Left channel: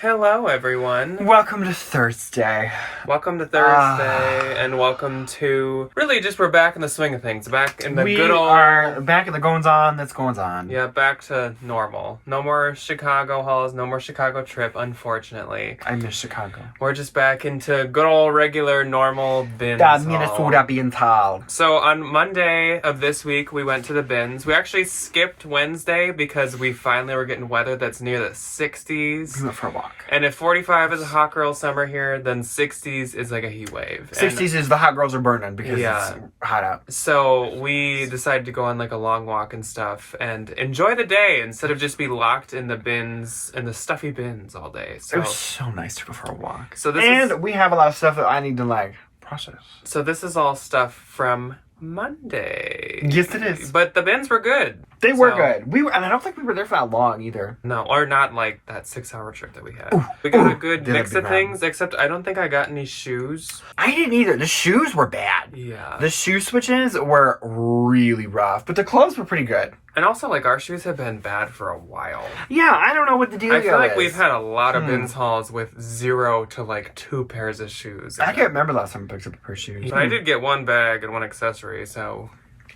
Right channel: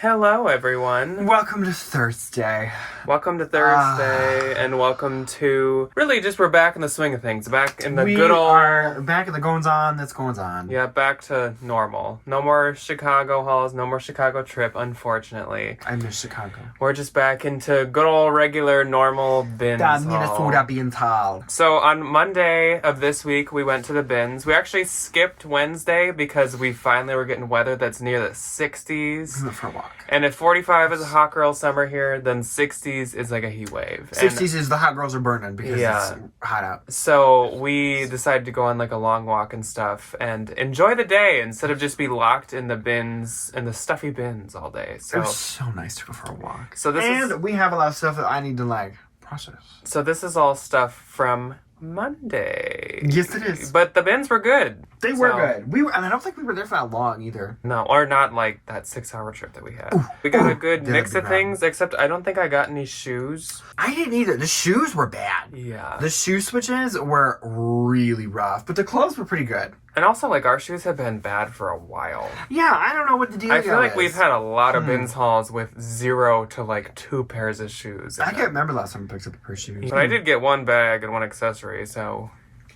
Hello, everyone. Welcome to Thursday. Welcome to Thursday, and welcome to... Really, just we're back in the swing of things. Back in the good old... We are back in the goings-on that's going on. Yeah, back to normal. No more Chicago hauls, no more Chicago trip, unfortunately. I miss Chicago. We're just back into good old, regular, normal bins That Minnesota beans haul. So on Monday of this week, we went to the bins. We actually skipped Wednesday because we finally were getting weather that's near the 60s. We went for a walk. And if 45 is a hot girl summer here, then 60s is like a heat wave. 60s is the hot girls are burning because it's hot out. So we decided to go on like a long walk and stuff and enjoy the day instead of just be locked in the bins, in the stuffy bins all day. So it was so nice to go for a walk. So we have a lot of stuff that I need to like process. So this is all stuff from Monday. Yes, it is. But the bins were good. They were good. And I don't think we were there for that long either. No, or not like that 6-hour trip that we had. We got a good mix of things, except I don't think I got any shoes. I didn't either. The shoes were bad. Yeah. The shoe switches were really rough, but the clothes were pretty good. And also, like, our shoes have been bad for a while. Yeah, I don't know what the deal is. I feel like we've had a lot of bins hauls with 0 to, like, 2 pairs of shoes. I can't remember last time I picked up a pair of shoes. But I did get 1 bag and 1 accessory, so...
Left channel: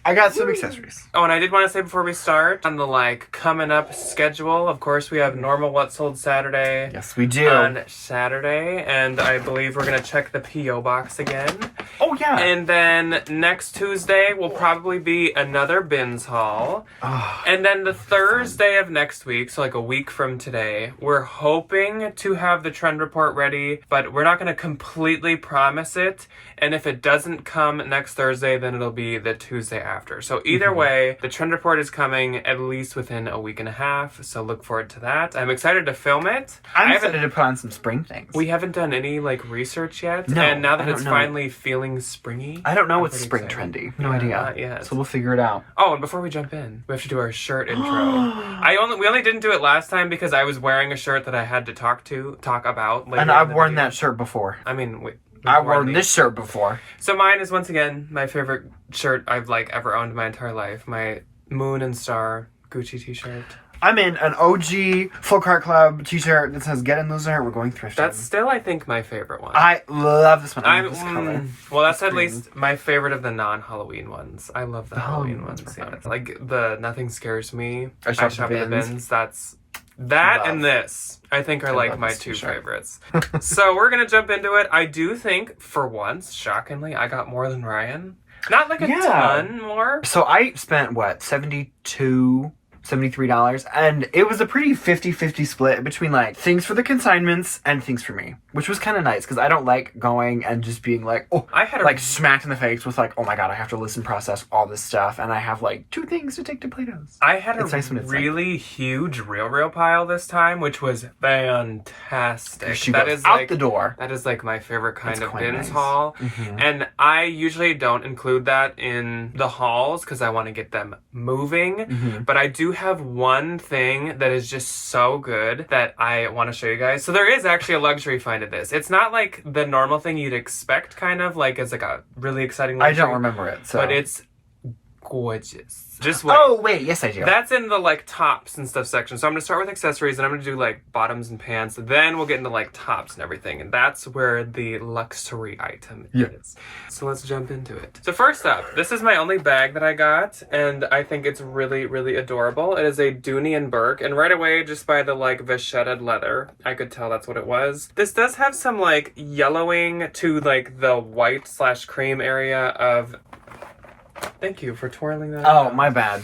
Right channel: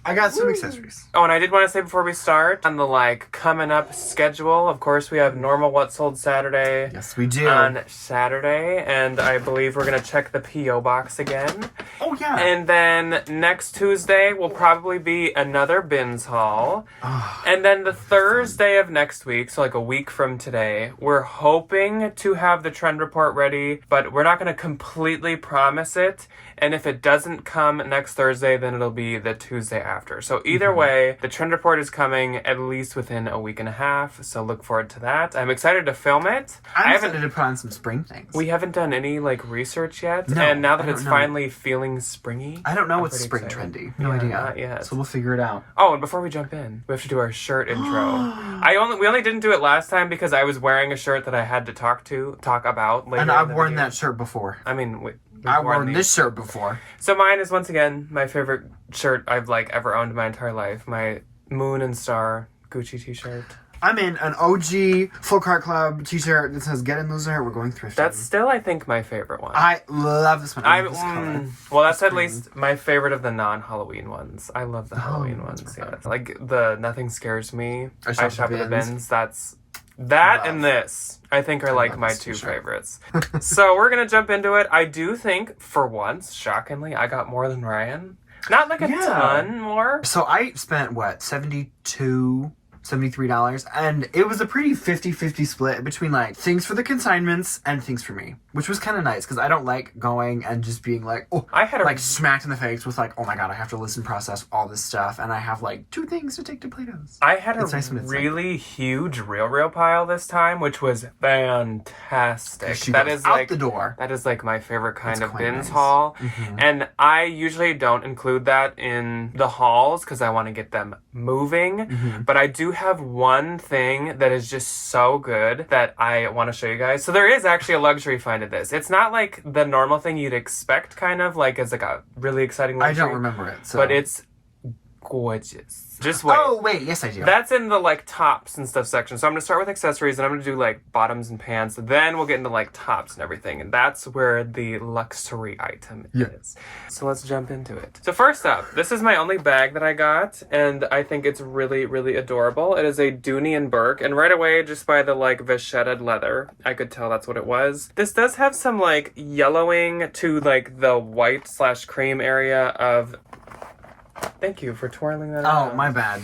I got some accessories. Oh, and I did want to say before we start, on the, like, coming up schedule, of course, we have normal What Sold Saturday. Yes, we do. On Saturday, and I believe we're going to check the P.O. box again. Oh, yeah. And then next Tuesday will probably be another bins haul. And then the Thursday of next week, so like a week from today, we're hoping to have the trend report ready, but we're not going to completely promise it. And if it doesn't come next Thursday, then it'll be the Tuesday after. So either way, the trend report is coming at least within a week and a half. So look forward to that. I'm excited to film it. I'm excited to put on some spring things. We haven't done any like research yet. No, and now that it's finally feeling springy. I don't know what's spring trendy. No idea. Not yet. So we'll figure it out. Oh, and before we jump in, we have to do our shirt intro. We only didn't do it last time because I was wearing a shirt that I had to talk about. And I've worn that shirt before. I mean, I've worn this shirt before. So mine is once again my favorite shirt I've like ever owned my entire life. My Moon and Star Gucci t-shirt. I'm in an OG Full Cart Club t-shirt that says "Get in Loser." We're going thrifting. That's still, I think, my favorite one. I love this one. I love this color. Well, that's at least my favorite of the non-Halloween ones. I love the Halloween ones. Yeah, like the Nothing Scares Me. I shop at the bins. That and this, I think, are like my 2 favorites. So we're going to jump into it. I do think, for once, shockingly, I got more than Ryan. Not like a ton more. So I spent, what, $73, and it was a pretty 50-50 split between like things for the consignments and things for me, which was kind of nice because I don't like going and just being like, smacked in the face with like, oh my god, I have to listen, process all this stuff, and I have like 2 things to take to Plato's. I had a really huge real pile this time, which was fantastic. That is out the door. That is like my favorite kind of bins haul, and I usually don't include that in the hauls because I want to get them moving, but I do have one thing that is just so good that I want to show you guys. So there is actually a luxury find of this. It's not like the normal thing you'd expect, kind of like as like a really exciting luxury. I don't remember it, so. But it's gorgeous. Just wait. Oh, wait, yes I do. That's in the like tops and stuff section. So I'm going to start with accessories and I'm going to do like bottoms and pants. Then we'll get into like tops and everything. And that's where the luxury item is. So let's jump into it. So first up, this is my only bag that I got. And I think it's really, really adorable. It is a Dooney and Burke. And right away, just by the like vachetted leather, I could tell that's what it was. This does have some like yellowing to like the white/cream area of... Thank you for twirling that out. Oh, my bad.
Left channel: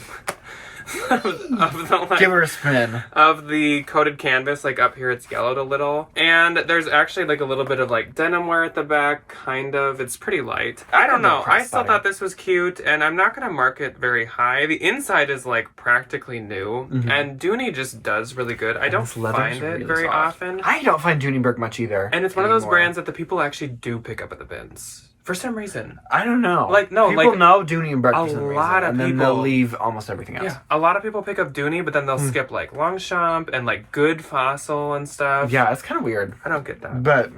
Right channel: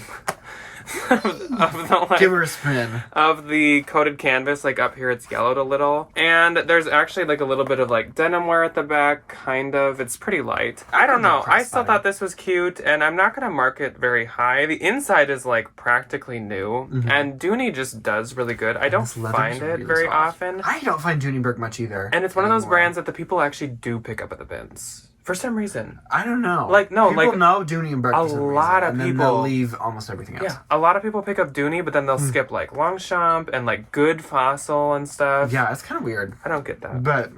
of the, like, give her a spin. Of the coated canvas, like up here it's yellowed a little. And there's actually like a little bit of like denim wear at the back, kind of. It's pretty light. I don't know. I still thought this was cute, and I'm not going to mark it very high. The inside is like practically new, and Dooney just does really good. I don't find it very often. I don't find Dooney Burke much either. And it's one of those brands that the people actually do pick up at the bins. For some reason. I don't know. People know Dooney and Burke for some reason, and then they'll leave almost everything else. Yeah, a lot of people pick up Dooney, but then they'll skip like Longchamp and like Good Fossil and stuff. Yeah, it's kind of weird. I don't get that. But,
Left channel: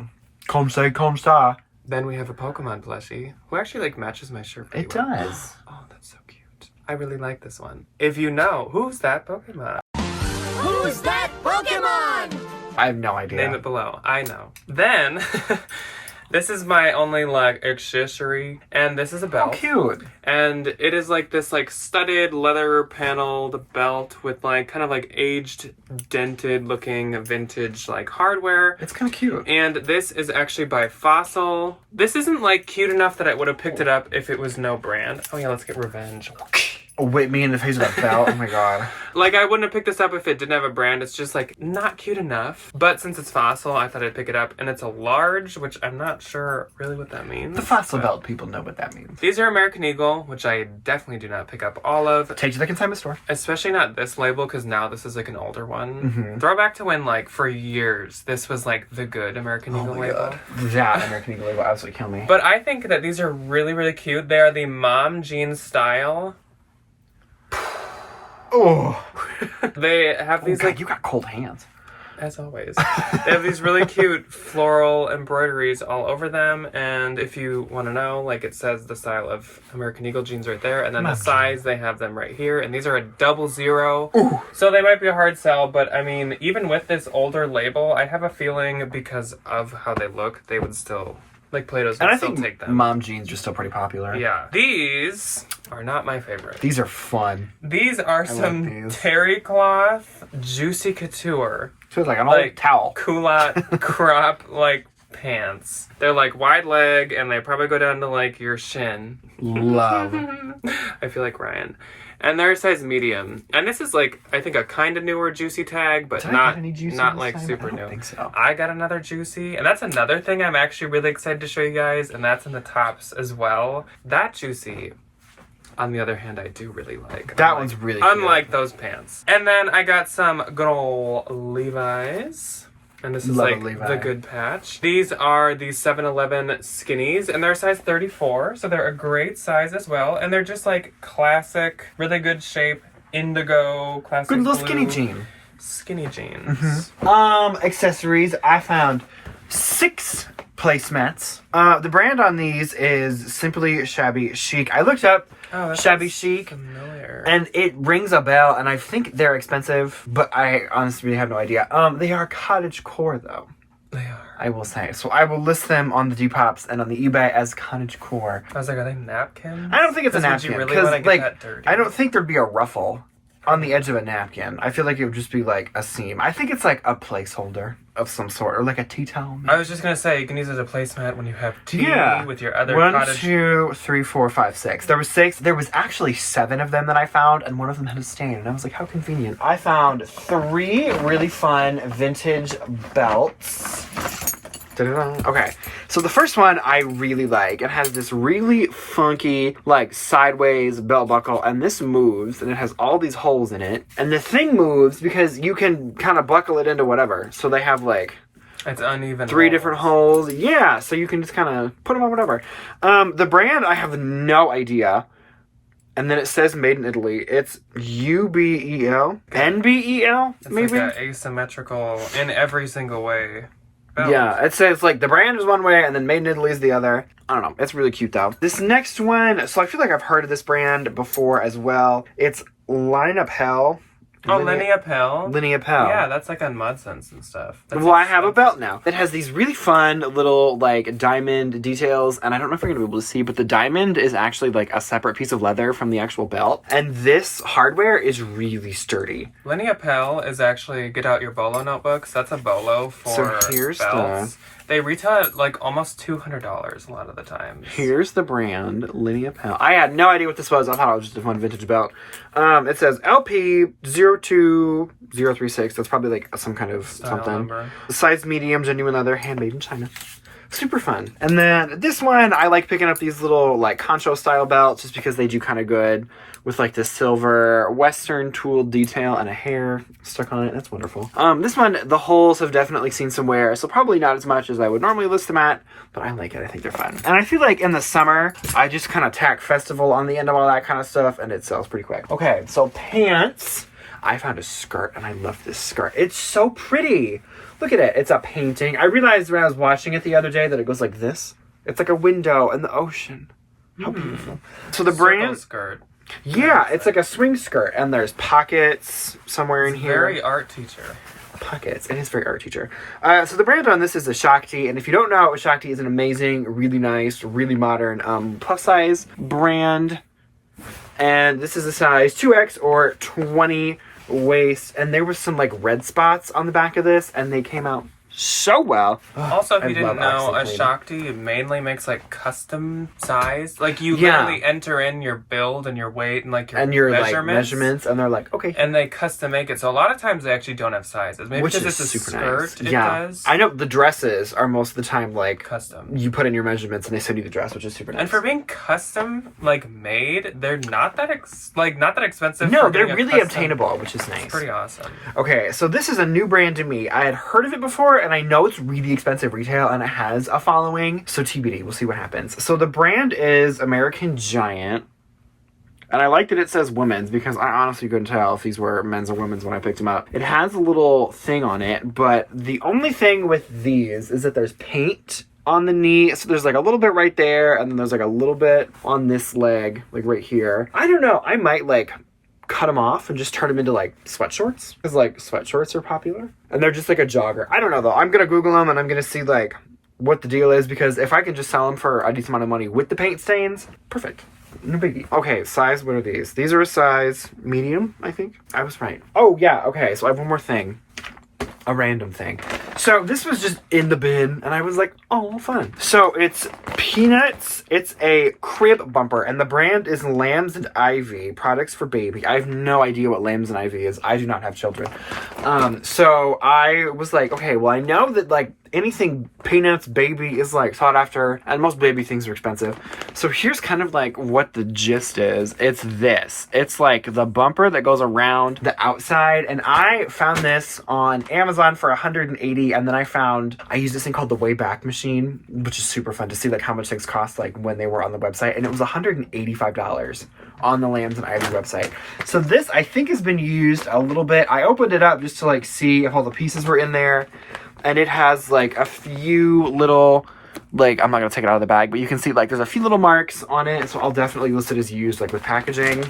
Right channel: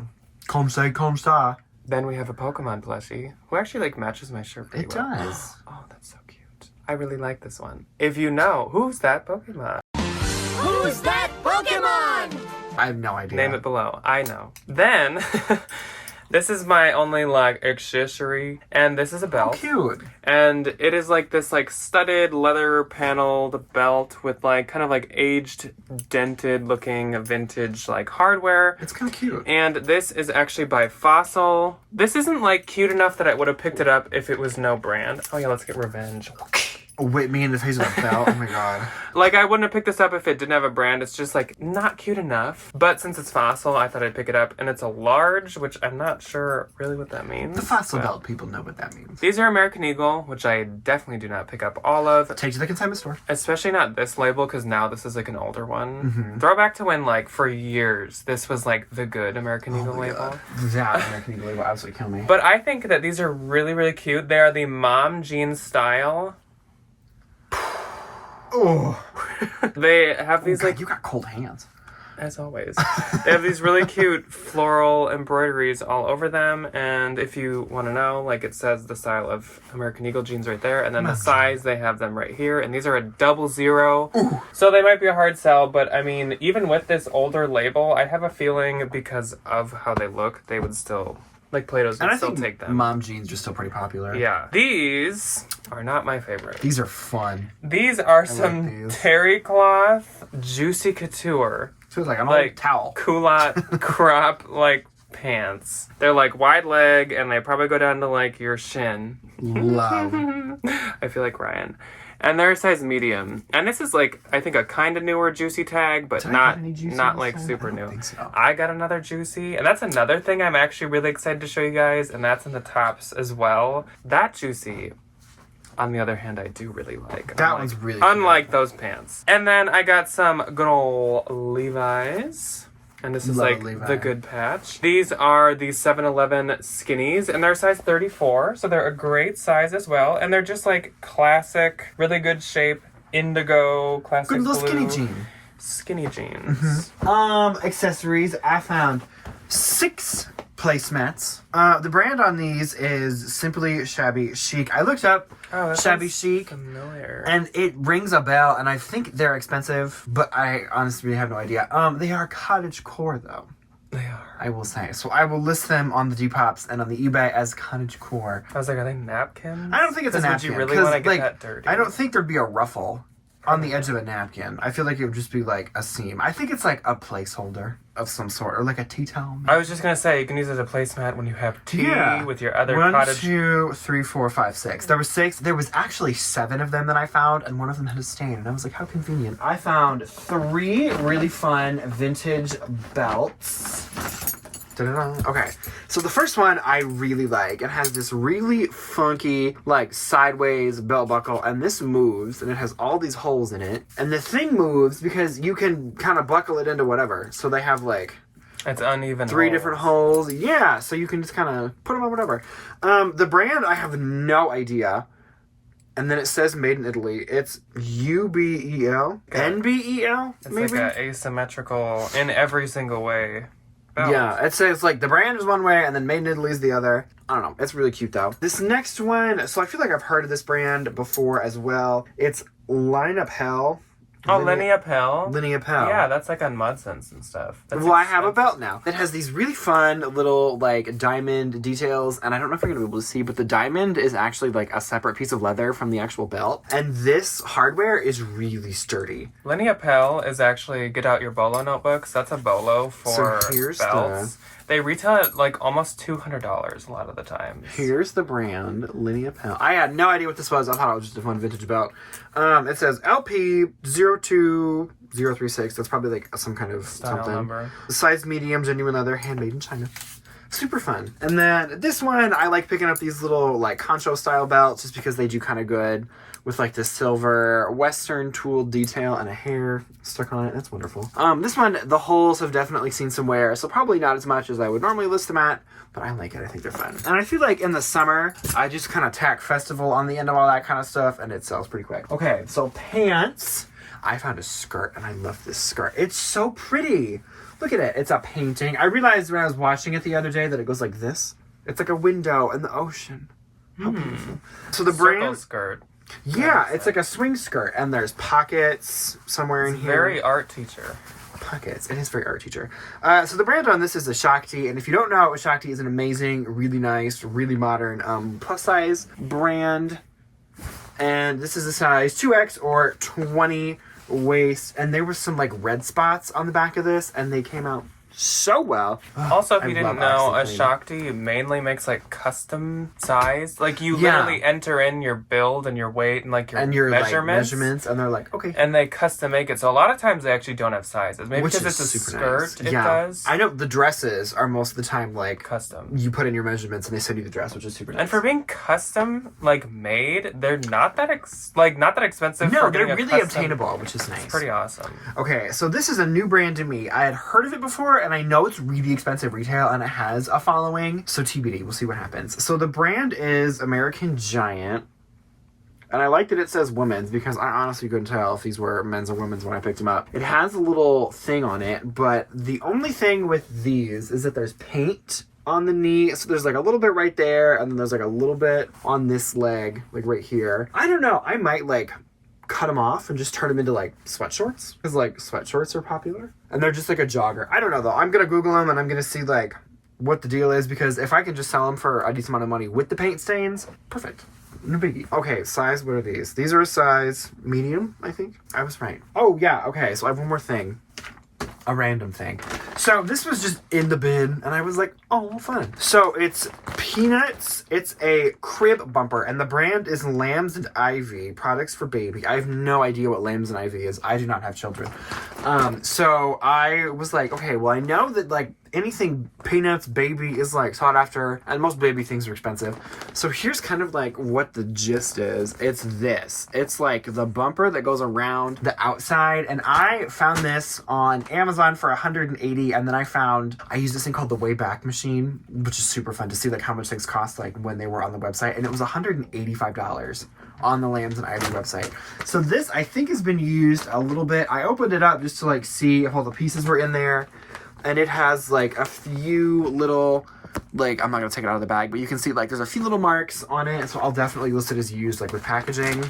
comme ça. Then we have a Pokemon plushie, who actually like matches my shirt pretty well. It does. Oh, that's so cute. I really like this one. If you know, who's that Pokemon? Who's that Pokemon? I have no idea. Name it below. I know. Then, this is my only, like, accessory. And this is a belt. Oh, cute. And it is, like, this, like, studded, leather-paneled belt with, like, kind of, like, aged, dented-looking, vintage, like, hardware. It's kind of cute. And this is actually by Fossil. This isn't, like, cute enough that I would have picked it up if it was no brand. Oh, yeah, let's get revenge. Whip me in the face with a belt. Oh my god. Like, I wouldn't have picked this up if it didn't have a brand. It's just, like, not cute enough. But since it's Fossil, I thought I'd pick it up. And it's a large, which I'm not sure really what that means. The Fossil belt people know what that means. These are American Eagle, which I definitely do not pick up all of. Take to the consignment store. Especially not this label, because now this is, like, an older one. Throwback to when, like, for years, this was, like, the good American Eagle label. God. That American Eagle label absolutely killed me. But I think that these are really, really cute. They are the mom jeans style. Oh. They have these, God, like... you got cold hands. As always. They have these really cute floral embroideries all over them. And if you want to know, like, it says the style of American Eagle jeans right there. And then the size, they have them right here. And these are a 00. Ooh. So they might be a hard sell. But, I mean, even with this older label, I have a feeling because of how they look, they would still... Like, Plato's would still take them. Mom jeans are still pretty popular. Yeah. These are not my favorite. These are fun. These are some terry cloth Juicy Couture. Feels like an old towel. Culotte crop, like, pants. They're, like, wide leg, and they probably go down to, like, your shin. Love. I feel like Ryan. And they're size medium. And this is, like, I think a kind of newer Juicy tag, but not like super new. I think so. I got another Juicy. And that's another thing I'm actually really excited to show you guys. And that's in the tops as well. That Juicy, on the other hand, I do really like. That one's really cute. Unlike those pants. And then I got some good old Levi's. And this is like the good patch. These are the 7-Eleven skinnies, and they're size 34, so they're a great size as well. And they're just like classic, really good shape, indigo, classic good little blue, skinny jean. Skinny jeans. Accessories. I found 6 placemats. The brand on these is Simply Shabby Chic. I looked up Shabby Chic, familiar. And it rings a bell, and I think they're expensive, but I honestly have no idea. They are cottage core, though. They are. I will say. So I will list them on the Depop's and on the eBay as cottage core. I was like, are they napkins? I don't think it's a napkin. Because, I don't think there'd be a ruffle on the edge of a napkin. I feel like it would just be like a seam. I think it's like a placeholder of some sort, or like a tea towel. Maybe. I was just gonna say you can use it as a placemat when you have tea with your other 1, 2, 3, 4, 5, 6. There were 6. There was actually 7 of them that I found, and one of them had a stain. And I was like, how convenient. I found 3 really fun vintage belts. Okay, so the first one I really like. It has this really funky, like, sideways belt buckle, and this moves, and it has all these holes in it. And the thing moves because you can kind of buckle it into whatever. So they have, like... It's uneven 3 different holes. Yeah, so you can just kind of put them on whatever. The brand, I have no idea. And then it says made in Italy. It's UBEL? NBEL? Maybe? It's like asymmetrical in every single way. Belt. Yeah, it says, like, the brand is one way, and then made in Italy is the other. I don't know. It's really cute, though. This next one, so I feel like I've heard of this brand before as well. It's Line Up Hell. Oh, Linea Pell? Linea Pell. Yeah, that's like on Mudsense and stuff. That's I have a belt now. It has these really fun little, like, diamond details, and I don't know if you're going to be able to see, but the diamond is actually, like, a separate piece of leather from the actual belt, and this hardware is really sturdy. Linea Pell is actually, get out your bolo notebooks. That's a bolo for belts. They retail at like almost $200 a lot of the time. Here's the brand, Linea Pell. I had no idea what this was. I thought it was just a fun vintage belt. It says LP 02036. That's probably like some kind of something. Number. The size medium, genuine leather, handmade in China. Super fun. And then this one, I like picking up these little like concho style belts just because they do kind of good with like this silver western tooled detail and a hair stuck on it. That's wonderful. This one, the holes have definitely seen some wear, so probably not as much as I would normally list them at, but I like it. I think they're fun. And I feel like in the summer, I just kind of tack festival on the end of all that kind of stuff, and it sells pretty quick. Okay, so pants. I found a skirt, and I love this skirt. It's so pretty. Look at it. It's a painting. I realized when I was watching it the other day that it goes like this. It's like a window in the ocean. How beautiful. So the brand... skirt. Yeah, it's like a swing skirt, and there's pockets somewhere in here. Very art teacher. pockets. It is very art teacher. So the brand on this is a Shakti, and if you don't know, Shakti is an amazing, really nice, really modern plus size brand. And this is a size 2X or 20 waist, and there was some like red spots on the back of this, and they came out so well. Also, if you didn't know, a Shakti mainly makes like custom size. Like you literally enter in your build and your weight and like your measurements, and they're like, okay. And they custom make it. So a lot of times they actually don't have sizes. Maybe because it's a skirt, it does. I know the dresses are most of the time like custom. You put in your measurements and they send you the dress, which is super nice. And for being custom like made, they're not that expensive. No, they're really obtainable, which is nice. It's pretty awesome. Okay, so this is a new brand to me. I had heard of it before, and I know it's really expensive retail, and it has a following. So TBD, we'll see what happens. So the brand is American Giant. And I like that it says women's, because I honestly couldn't tell if these were men's or women's when I picked them up. It has a little thing on it, but the only thing with these is that there's paint on the knee. So there's like a little bit right there, and then there's like a little bit on this leg, like right here. I don't know. I might like cut them off and just turn them into like sweatshorts, because like sweatshorts are popular and they're just like a jogger. I don't know though. I'm gonna Google them and I'm gonna see like what the deal is, because if I can just sell them for a decent amount of money with the paint stains, perfect. No biggie. Okay, size, what are these? These are a size medium, I think. I was right. Oh yeah, okay, so I have one more thing. A random thing. So this was just in the bin, and I was like, oh, fun. So it's Peanuts. It's a crib bumper, and the brand is Lambs and Ivy, products for baby. I have no idea what Lambs and Ivy is. I do not have children. So I was like, okay, well, I know that like anything Peanuts baby is like sought after, and most baby things are expensive. So here's kind of like what the gist is. It's this. It's like the bumper that goes around the outside, and I found this on Amazon for $180, and then I used this thing called the Wayback Machine, which is super fun to see like how much things cost like when they were on the website, and it was $185 on the Lambs and Ivy website. So this I think has been used a little bit. I opened it up just to like see if all the pieces were in there. And it has like a few little, like, I'm not going to take it out of the bag, but you can see like there's a few little marks on it. So I'll definitely list it as used, like with packaging.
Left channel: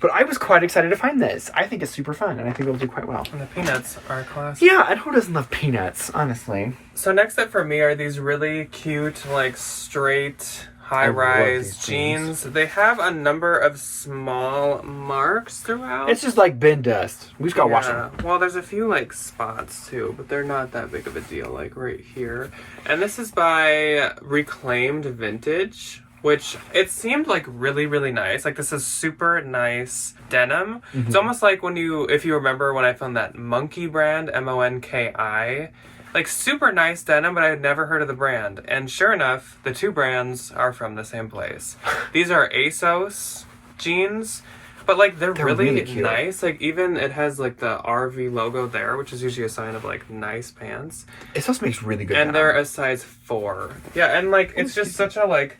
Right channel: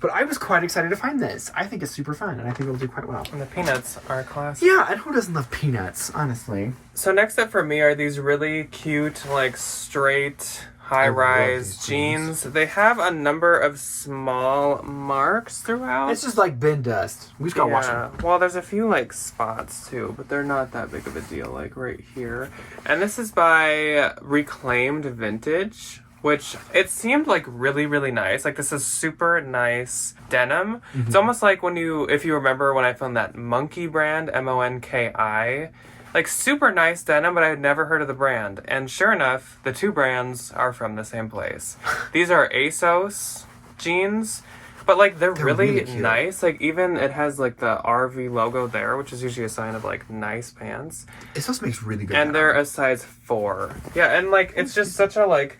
But I was quite excited to find this. I think it's super fun, and I think it'll do quite well. And the peanuts are classic. Yeah, and who doesn't love peanuts, honestly? So next up for me are these really cute, like straight high-rise jeans. They have a number of small marks throughout. It's just like bin dust. We just gotta wash them. Well, there's a few like spots too, but they're not that big of a deal, like right here. And this is by Reclaimed Vintage, which it seemed like really, really nice. Like this is super nice denim. Mm-hmm. It's almost like if you remember when I found that Monkey brand, Monki. Like super nice denim, but I had never heard of the brand. And sure enough, the two brands are from the same place. These are ASOS jeans, but like they're really nice. Like even it has like the RV logo there, which is usually a sign of like nice pants. ASOS makes really good and they're a size 4. Yeah, and like it's just such a like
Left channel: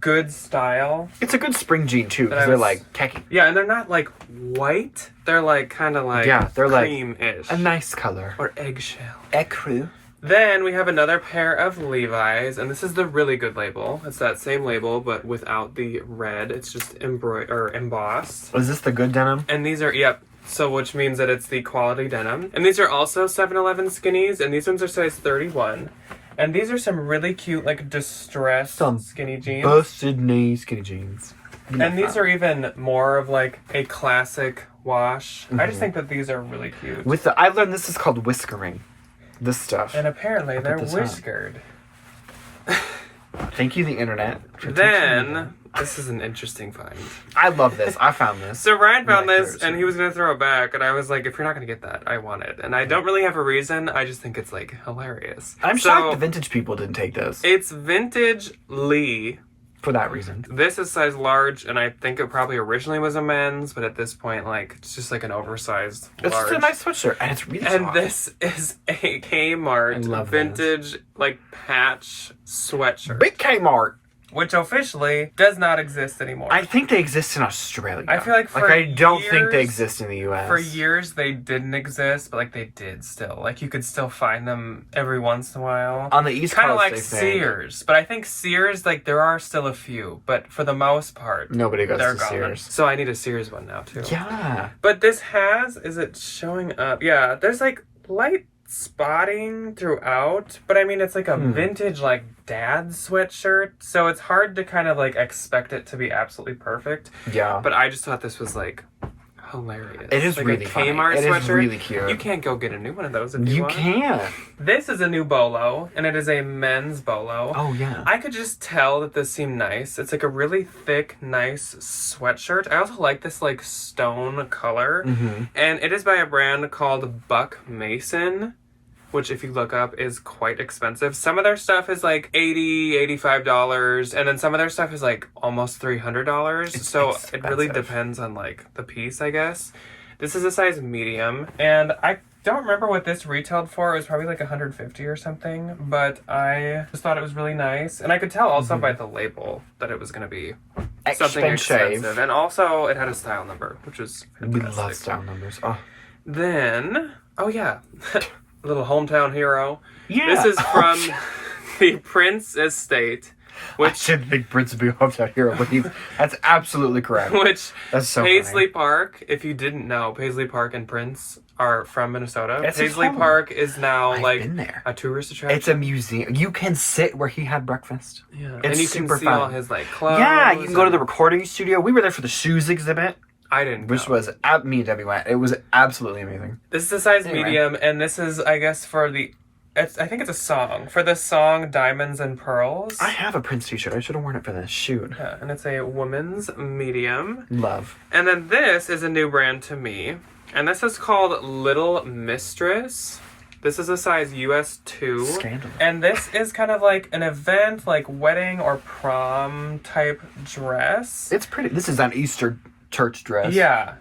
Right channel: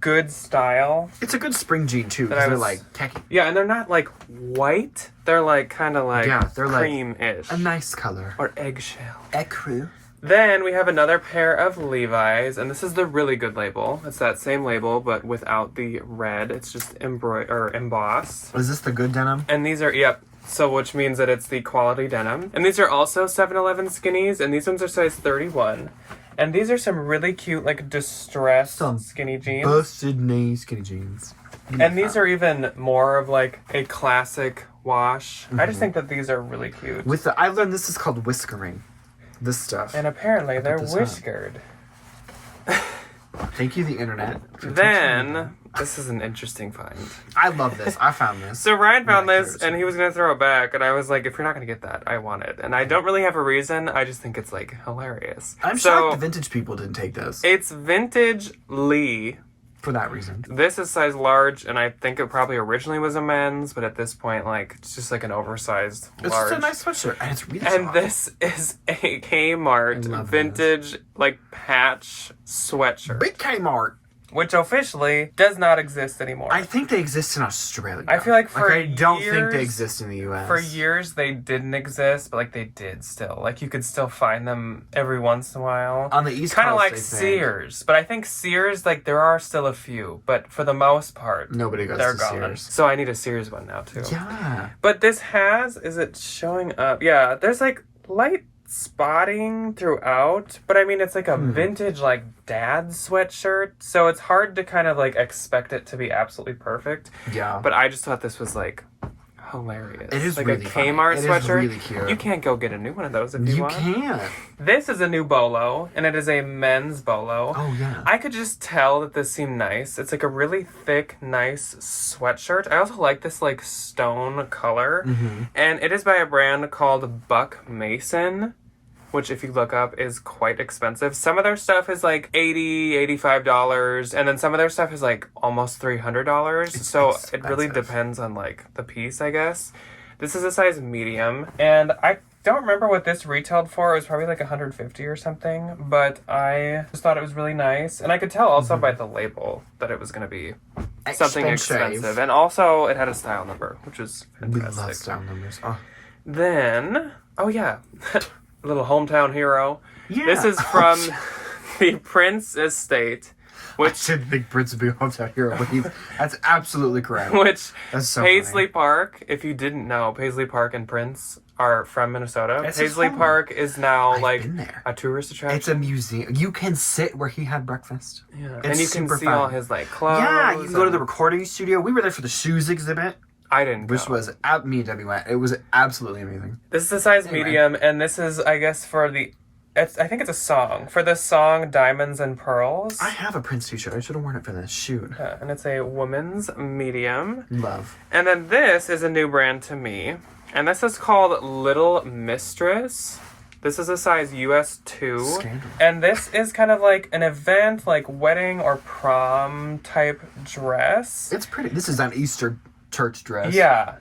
good style. It's a good spring jean too, because they're like khaki. Yeah, and they're not like white. They're like kind of like they're cream-ish. Like a nice color. Or eggshell. Ecru. Then we have another pair of Levi's, and this is the really good label. It's that same label, but without the red. It's just embossed. Is this the good denim? And these are, so which means that it's the quality denim. And these are also 7-Eleven skinnies, and these ones are size 31. And these are some really cute, like, distressed skinny jeans. Busted knee skinny jeans. And these are even more of, like, a classic wash. Mm-hmm. I just think that these are really cute. I learned this is called whiskering. This stuff. And apparently they're whiskered. Thank you, the internet. Then, this is an interesting find. I love this. I found this. So Ryan found this, and he was going to throw it back, and I was like, if you're not going to get that, I want it. And I don't really have a reason. I just think it's, like, hilarious. I'm shocked the vintage people didn't take this. It's Vintage Lee. For that reason. This is size large, and I think it probably originally was a men's, but at this point, like, it's just like an oversized large. It's just a nice sweatshirt, and it's really soft. And this is a K-Mart vintage, like, patch sweatshirt. Big K-Mart. Which officially does not exist anymore. I think they exist in Australia. I feel like I don't think they exist in the US. For years they didn't exist, but like they did still. Like you could still find them every once in a while. On the East Coast, kind of like Sears. But I think Sears, like there are still a few, but for the most part, nobody goes to gone. Sears. So I need a Sears one now too. Yeah. But this is it showing up? Yeah, there's like light spotting throughout, but I mean, it's like a vintage, like, dad sweatshirt, so it's hard to kind of, like, expect it to be absolutely perfect. Yeah. But I just thought this was, like, hilarious. It is like really a K-Mart funny. sweatshirt. It is really cute. You can't go get a new one of those if you want. You can't. This is a new bolo, and it is a men's bolo. Oh, yeah. I could just tell that this seemed nice. It's like a really thick, nice sweatshirt. I also like this like stone color. And it is by a brand called Buck Mason, which if you look up is quite expensive. Some of their stuff is like $80, $85, and then some of their stuff is like almost $300. So expensive. it really depends on like the piece, I guess. This is a size medium, and I don't remember what this retailed for. It was probably like $150 or something, but I just thought it was really nice. And I could tell also by the label that it was going to be something expensive. And also it had a style number, which was fantastic. We love style numbers. Oh. Then, oh yeah, a little hometown hero. Yeah. This is from the Prince Estate. Which I should think Prince would be a hometown hero, but that's absolutely correct. Which, that's so Paisley funny. Park, if you didn't know, Paisley Park and Prince are from Minnesota. It's Paisley Park is now I've like been there. A tourist attraction. It's a museum. You can sit where he had breakfast. Yeah. It's and you super can see fun. all his like clothes. Yeah, you can go to the recording studio. We were there for the shoes exhibit. I didn't Which go. was, me and Debbie went. It was absolutely amazing. This is a size medium, and this is, I guess, for the... I think it's a song. For the song Diamonds and Pearls. I have a Prince t-shirt. I should have worn it for this. Shoot. Yeah, and it's a woman's medium. Love. And then this is a new brand to me. And this is called Little Mistress. This is a size US 2. Scandal. And this is kind of like an event, like wedding or prom type dress. It's pretty. This is an Easter church dress. Yeah.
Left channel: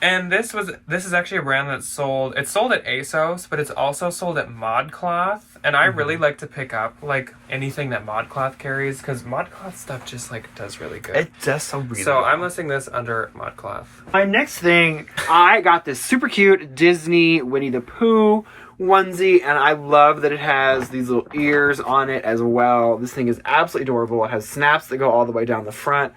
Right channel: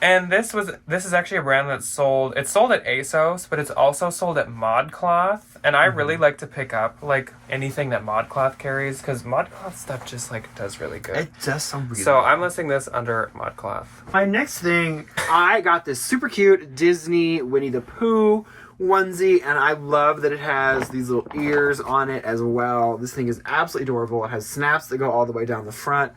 And this is actually a brand that's sold at ASOS, but it's also sold at ModCloth. And I really like to pick up like anything that ModCloth carries, because ModCloth stuff just like does really good. It does so really So well. I'm listing this under ModCloth. My next thing, I got this super cute Disney Winnie the Pooh onesie, and I love that it has these little ears on it as well. This thing is absolutely adorable. It has snaps that go all the way down the front.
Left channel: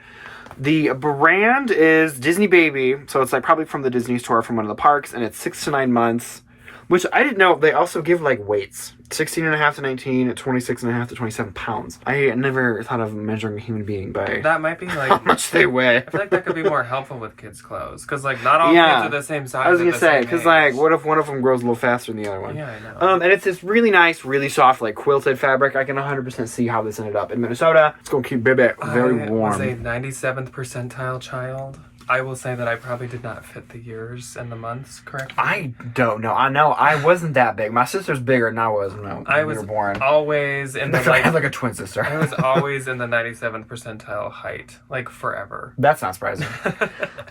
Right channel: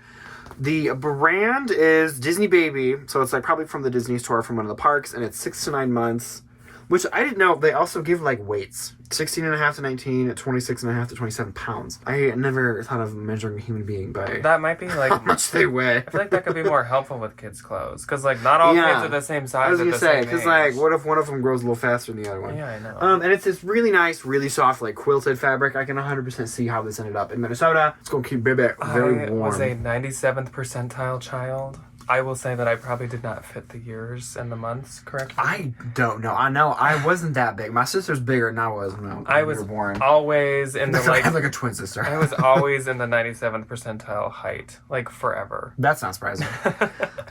The brand is Disney Baby, so it's like probably from the Disney store from one of the parks, and it's 6 to 9 months, which I didn't know. They also give like weights. 16.5 to 19, 26.5 to 27 pounds. I never thought of measuring a human being by That might be like how much they weigh. I feel like that could be more helpful with kids' clothes, because like not all Yeah. kids are the same size. I was gonna at the say, same because age. like, what if one of them grows a little faster than the other one? Yeah, I know. And it's this really nice, really soft, like quilted fabric. I can 100% see how this ended up in Minnesota. It's gonna keep baby very I warm. was a 97th percentile child. I will say that I probably did not fit the years and the months correctly. I don't know. I know I wasn't that big. My sister's bigger than I was when I we was were born. always in the I have like a twin sister. I was always in the 97th percentile height, like forever. That's not surprising.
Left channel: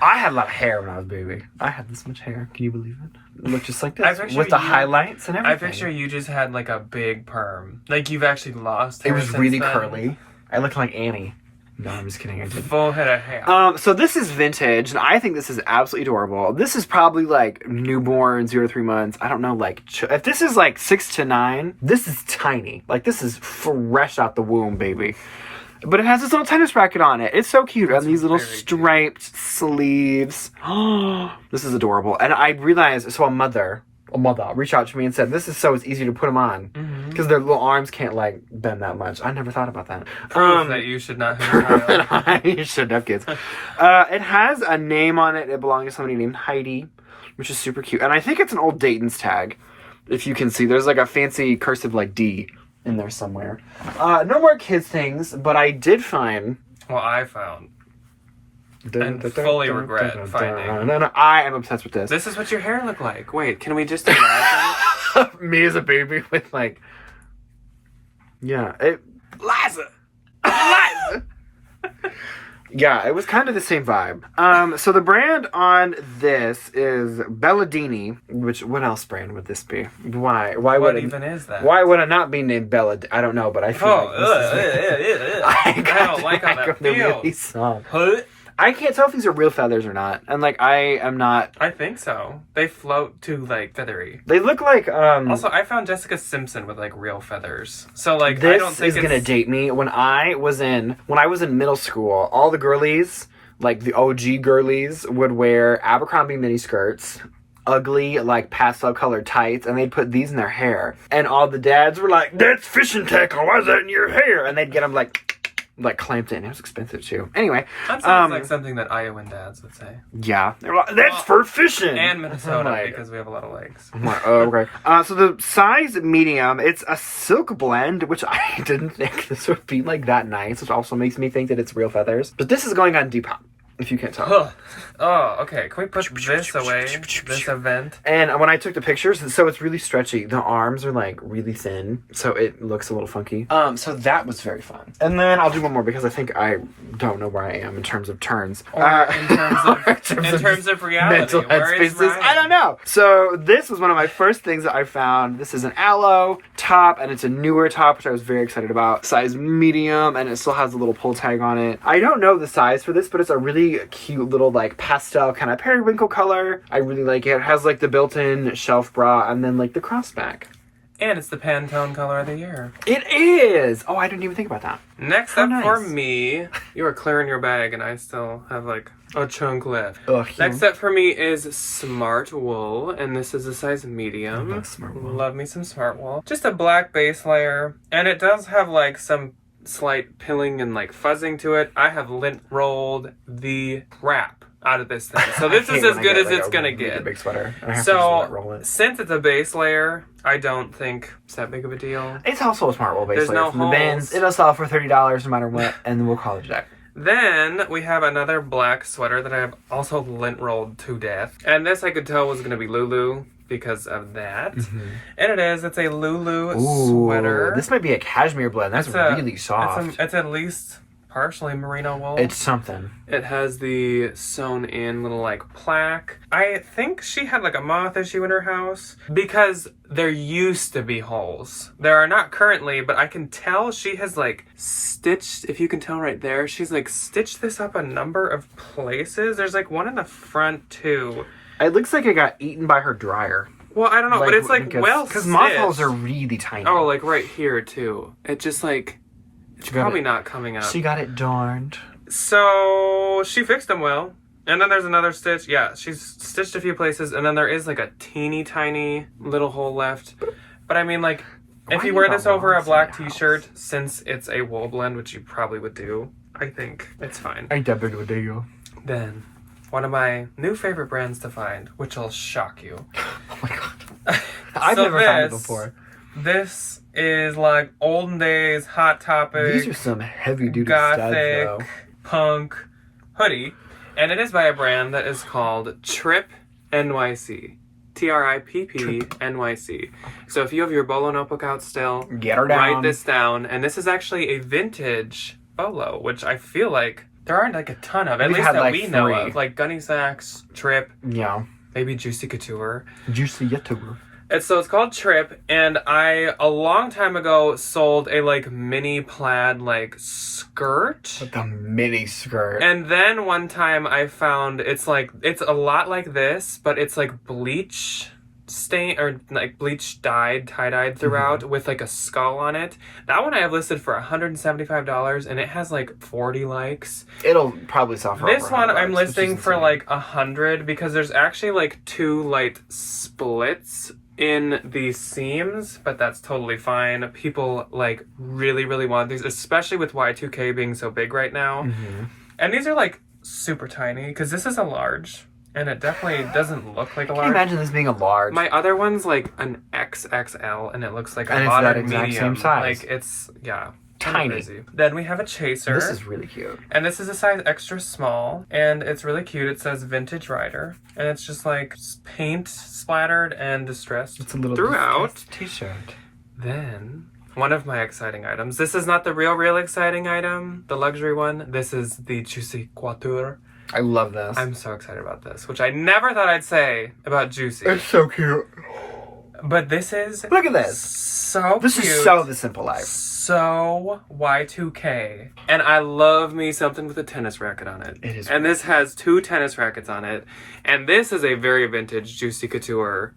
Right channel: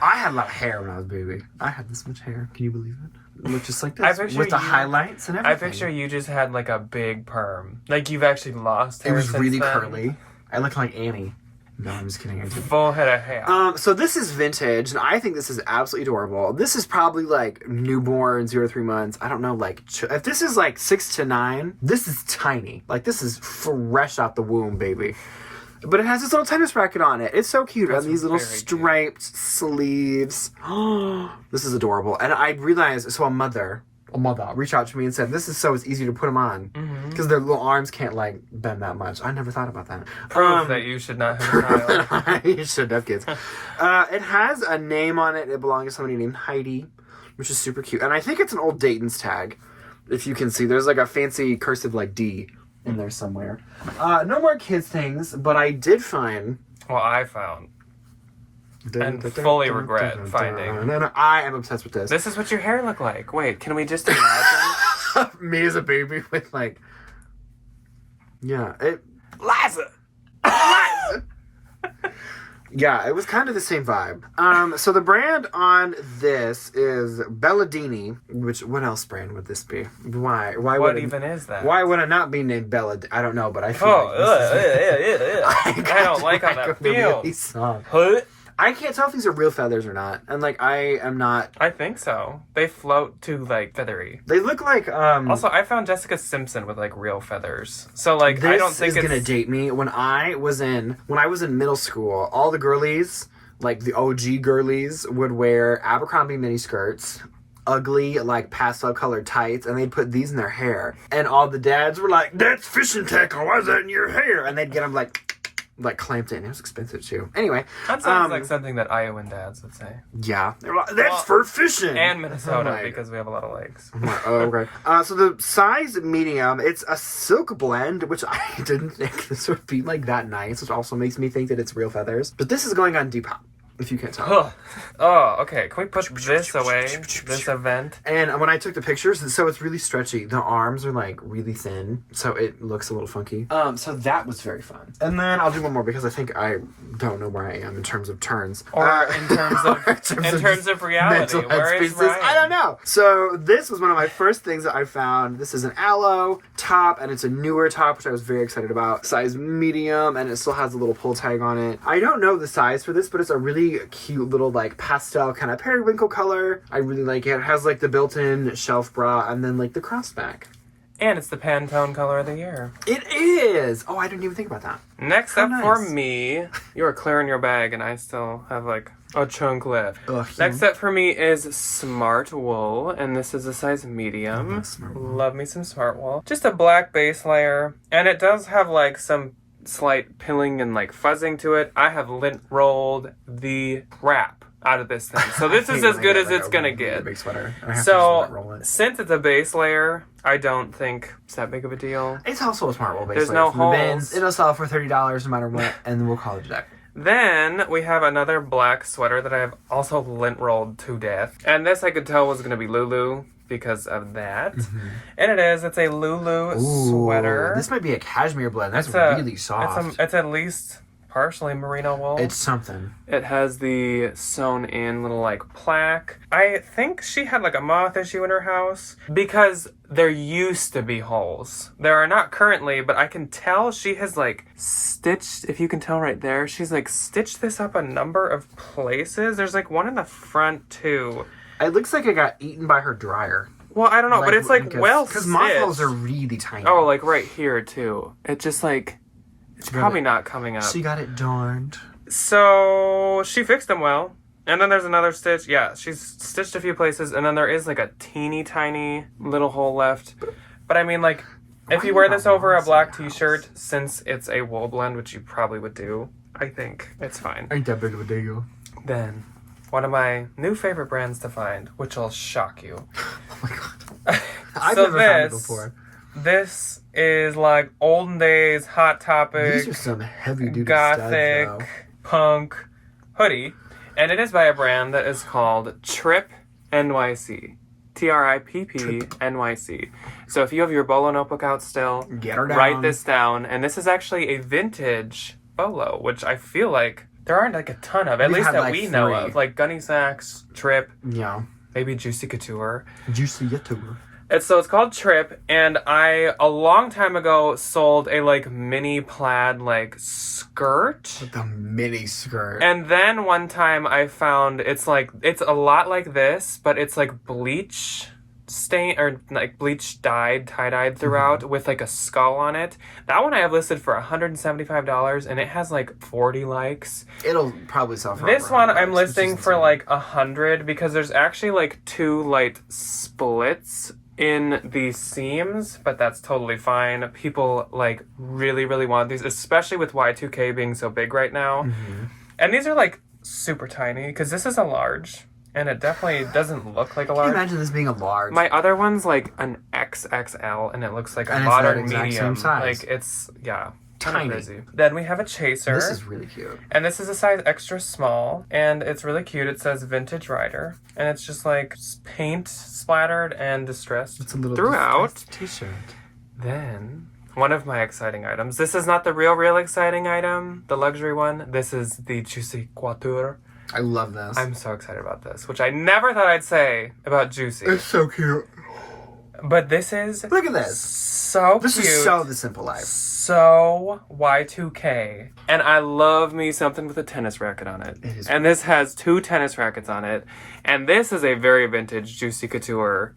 I had a lot of hair when I was a baby. I had this much hair. Can you believe it? It looked just like I this picture with the you- highlights and I everything. picture you just had like a big perm. Like you've actually lost hair It was since really then. curly. I looked like Annie. No, I'm just kidding. I didn't. Full head of hair. So this is vintage, and I think this is absolutely adorable. This is probably like newborn, 0 to 3 months. I don't know, like if this is like 6 to 9, this is tiny. Like this is fresh out the womb, baby. But it has this little tennis racket on it. It's so cute. And these little very cute. striped sleeves. This is adorable. And I realized, so a mother reached out to me and said, this is so it's easy to put them on. Because their little arms can't like bend that much. I never thought about that. Proof that you should not have You shouldn't have kids. It has a name on it. It belongs to somebody named Heidi, which is super cute. And I think it's an old Dayton's tag. If you can see, there's like a fancy cursive like D in there somewhere. No more kids things, but I did find. Well, I found. And fully regret finding. No, I am obsessed with this. This is what your hair looked like. Wait, can we just imagine? Me as a baby with like. Yeah, Liza! Yeah, it was kind of the same vibe. So the brand on this is Belladini, which, what else brand would this be? Why What would it, even is that? why would it not be named Bella? I don't know, but I feel like this is, I don't like how that the feels. really soft. Huh? I can't tell if these are real feathers or not. And like, I am not. I think so. They float to like feathery. They look like, Also, I found Jessica Simpson with like real feathers. So like, this I don't think is gonna date me. When I was in middle school, all the girlies, like the OG girlies, would wear Abercrombie mini skirts, ugly, like, pastel colored tights, and they'd put these in their hair. And all the dads were like, that's fishing tackle, why is that in your hair? And they'd get them, like clamped in. It was expensive too. Anyway. That sounds like something that Iowan dads would say. Yeah. They were like, that's for fishing. And Minnesota, because we have a lot of lakes. Oh, okay. So the size medium, it's a silk blend, which I didn't think this would be like that nice, which also makes me think that it's real feathers. But this is going on Depop, if you can't tell. Oh, okay. Can we put this away? This event? And when I took the pictures, so it's really stretchy. The arms are like really thin, so it looks a little funky. So that was very fun. And then I'll do one more because I think I don't know where I am in terms of turns. Or in terms of reality. Mental Where is headspaces. Ryan? I don't know. So this was one of my first things that I found. This is an aloe top, and it's a newer top, which I was very excited about. Size medium, and it still has a little pull tag on it. I don't know the size for this, but it's a really cute little like pastel kind of periwinkle color. I really like it. It has like the built-in shelf bra and then like the crossback. And it's the Pantone color of the year. It is! Oh, I didn't even think about that. Next up for me, you are clearing your bag and I still have like a chunk left. Next up for me is Smartwool, and this is a size medium. Love me some Smartwool. Just a black base layer, and it does have like some slight pilling and like fuzzing to it. I have lint rolled the crap out of this thing, so this is as good as it's gonna get. Big sweater. So since it's a base layer, I don't think it's that big of a deal. It's also a Smartwool base There's layer no from the Bins. It'll sell for $30 no matter what, and we'll call it a day. Then we have another black sweater that I have also lint rolled to death, and this I could tell was gonna be Lulu because of that. And it is. It's a Lulu sweater. This might be a cashmere blend. That's really soft. It's at least partially merino wool. It's something. It has the sewn in little like plaque. I think she had like a moth issue in her house because there used to be holes. There are not currently, but I can tell she has like stitched, if you can tell right there, she's like stitched this up a number of places. There's like one in the front too. It looks like it got eaten by her dryer. Well, I don't know, but it's like because moth holes are really tiny. Oh, like right here too. It just like it's probably not coming out. She got it darned. So she fixed them well. And then there's another stitch. Yeah, she's stitched a few places, and then there is like a teeny tiny little hole left. But I mean, like, if you wear this over a black t-shirt, since it's a wool blend, which you probably would do, I think it's fine. I definitely would do. Then one of my new favorite brands to find, which will shock you. Oh my god. I've never found it before. This is like olden days Hot Topic. These are some heavy duty gothic, studs, though. Punk hoodie. And it is by a brand that is called Tripp NYC. Tripp NYC. So if you have your bolo notebook out still, get her down. Write this down. And this is actually a vintage bolo, which I feel like there aren't like a ton of, at least that like we know of. Like Gunny Sacks, Tripp. Yeah. Maybe Juicy Couture. Juicy Couture. So it's called Tripp, and I, a long time ago, sold a, like, mini plaid, like, skirt. With the mini skirt. And then one time I found, it's a lot like this, but it's, like, bleach stain, or, like, bleach dyed, tie-dyed throughout, with, like, a skull on it. That one I have listed for $175, and it has, like, 40 likes. It'll probably sell for this one I'm listing for, like, $100, because there's actually, like, 2 light splits in the seams, but that's totally fine. People like really want these, especially with Y2K being so big right now. And these are like super tiny because this is a large, and it definitely doesn't look like a large. Can you imagine this being a large? My other one's like an XXL, and it looks like a modern medium. Same size. Like it's tiny. Crazy. Then we have a chaser. This is really cute. And this is a size extra small, and it's really cute. It says Vintage Rider, and it's just like paint splattered and distressed it's a little throughout. T-shirt. Then one of my exciting items. This is not the real exciting item, the luxury one. This is the Juicy Couture. I love this. I'm so excited about this, which I never thought I'd say about Juicy. It's so cute. But this is... Look at this. So This cute. is so The Simple Life. So Y2K. And I love me something with a tennis racket on it. It is. And this has 2 tennis rackets on it. And this is a very vintage Juicy Couture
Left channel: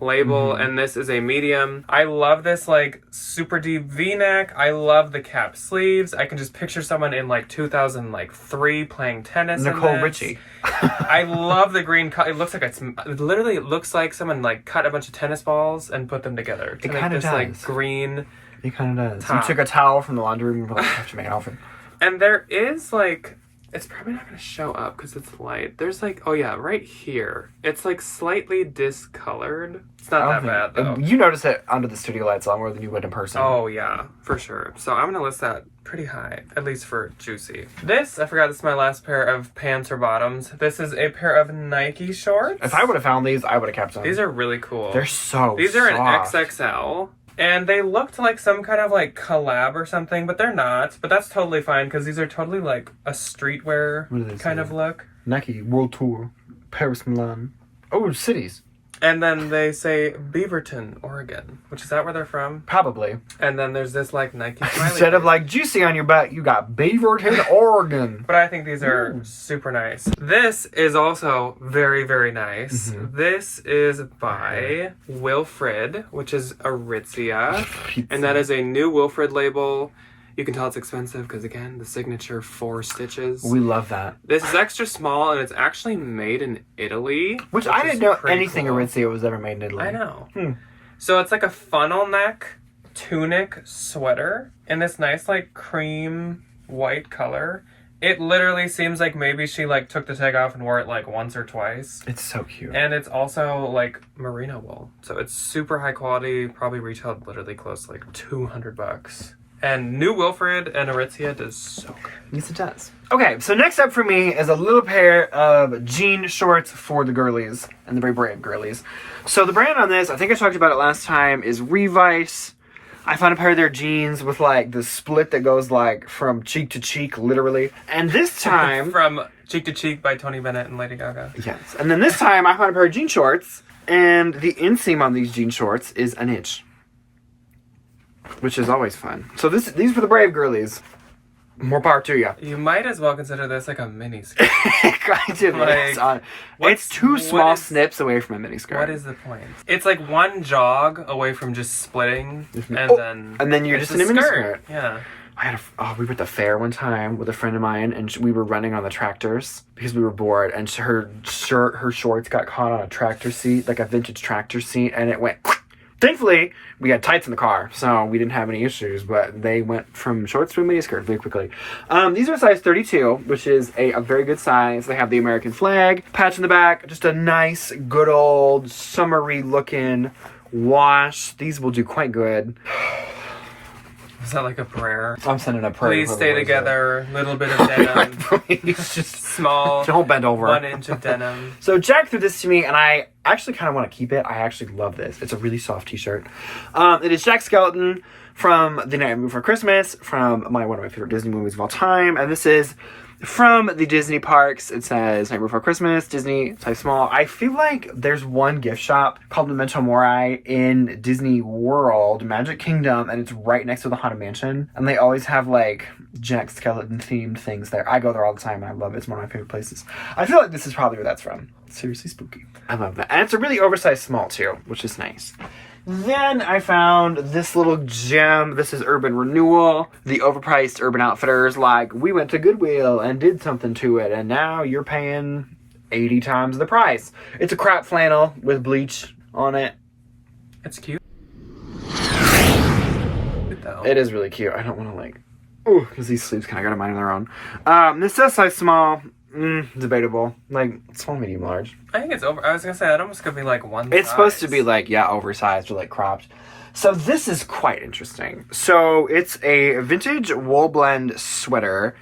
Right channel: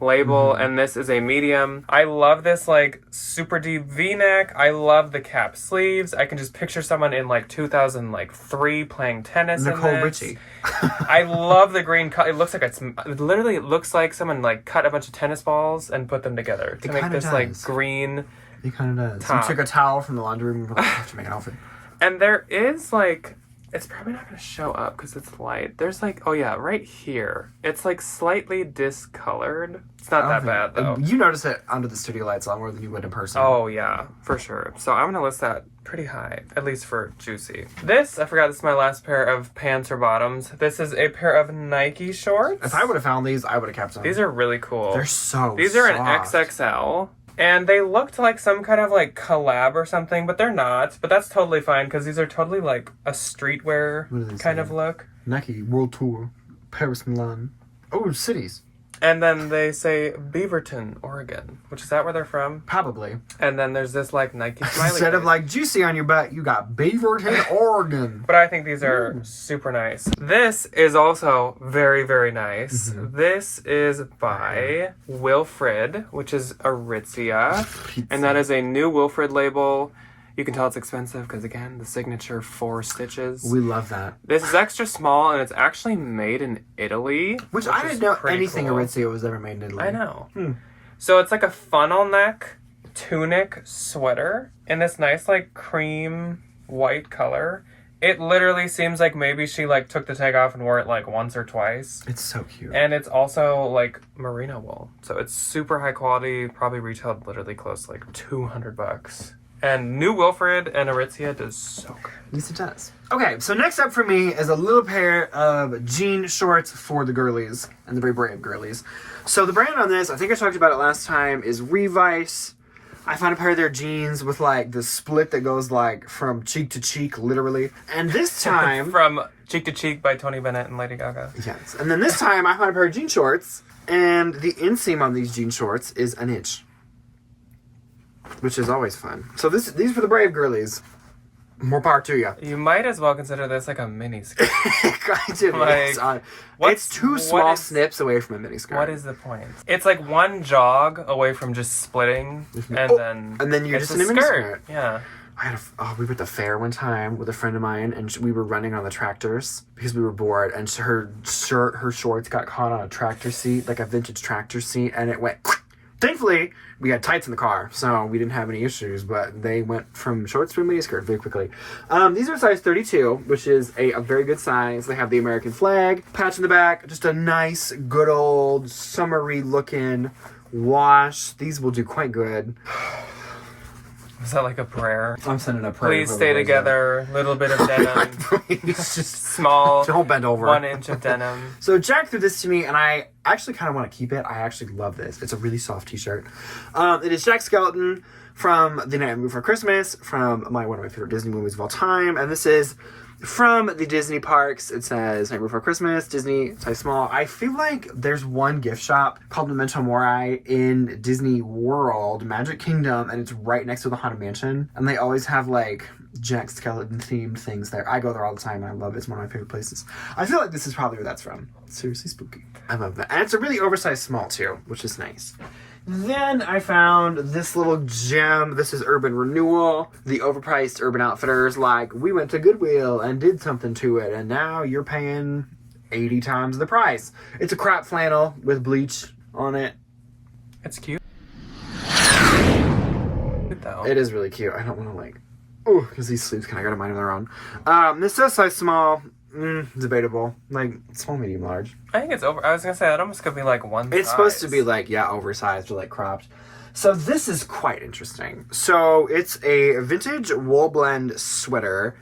label, and this is a medium. I love this like super deep V-neck. I love the cap sleeves. I can just picture someone in like 2003 playing tennis. Nicole Richie. I love the green cut. It looks like it looks like someone like cut a bunch of tennis balls and put them together to make this like green. It kind of does. Top. You took a towel from the laundry room and I have to make an outfit. And there is like, it's probably not going to show up because it's light. There's like, oh yeah, right here. It's like slightly discolored. It's not that bad though. You notice it under the studio lights a lot more than you would in person. Oh yeah, for sure. So I'm going to list that pretty high, at least for Juicy. This, I forgot, this is my last pair of pants or bottoms. This is a pair of Nike shorts. If I would have found these, I would have kept them. These are really cool. They're so These are soft. an XXL. And they looked like some kind of like collab or something, but they're not. But that's totally fine because these are totally like a streetwear kind of look. Nike World Tour, Paris, Milan. Oh, cities. And then they say Beaverton, Oregon, which is that where they're from? Probably. And then there's this like Nike smiley Instead of face. like Juicy on your back, you got Beaverton, Oregon. But I think these are super nice. This is also very, very nice. This is by Wilfred, which is Aritzia. And that is a new Wilfred label. You can tell it's expensive because, again, the signature 4 stitches. We love that. This is extra small, and it's actually made in Italy. Which I didn't know anything Aritzia was ever made in Italy. I know. So it's like a funnel neck tunic sweater in this nice, like, cream white color. It literally seems like maybe she, like, took the tag off and wore it, like, once or twice. It's so cute. And it's also, like, merino wool. So it's super high quality, probably retailed literally close to, like, $200. And new Wilfred and Aritzia does so good. Yes, it does. Okay, so next up for me is a little pair of jean shorts for the girlies and the very brave girlies. So the brand on this, I think I talked about it last time, is Revice. I found a pair of their jeans with like the split that goes like from cheek to cheek, literally. And this time... From Cheek to Cheek by Tony Bennett and Lady Gaga. Yes. And then this time I found a pair of jean shorts, and the inseam on these jean shorts is an inch. Which is always fun. So these for the brave girlies. More power to you. You might as well consider this like a mini skirt. It's two small snips away from a mini skirt. What is the point? It's like one jog away from just splitting, and then you're just in a mini skirt. Yeah. We were at the fair one time with a friend of mine, and we were running on the tractors because we were bored, and her shorts got caught on a tractor seat, like a vintage tractor seat, and it went... Thankfully, we had tights in the car, so we didn't have any issues, but they went from shorts to a miniskirt very quickly. These are size 32, which is a very good size. They have the American flag, patch in the back, just a nice, good old, summery looking wash. These will do quite good. Is that like a prayer? I'm sending a prayer. Please stay together. Little bit of denim. Please, just small. Don't bend over. 1 inch of denim. So Jack threw this to me, and I actually kind of want to keep it. I actually love this. It's a really soft t-shirt. It is Jack Skeleton from The Night Before Christmas, from one of my favorite Disney movies of all time, and this is from the Disney parks. It says Night Before Christmas, Disney, size small. I feel like there's one gift shop called Memento Mori in Disney World, Magic Kingdom, and it's right next to the Haunted Mansion. And they always have like Jack Skeleton themed things there. I go there all the time and I love it. It's one of my favorite places. I feel like this is probably where that's from. Seriously spooky. I love that. And it's a really oversized small too, which is nice. Then I found this little gem. This is Urban Renewal. The overpriced Urban Outfitters, like, we went to Goodwill and did something to it, and now you're paying 80 times the price. It's a crop flannel with bleach on it. It's cute. It is really cute. I don't want to, like... Ooh, because these sleeves kind of got a mind of their own. This says size small. Debatable. Like, small, medium, large. I think it's over. I was gonna say that almost could be like one. It's supposed to be like, yeah, oversized or like cropped. So this is quite interesting. So it's a vintage wool blend sweater.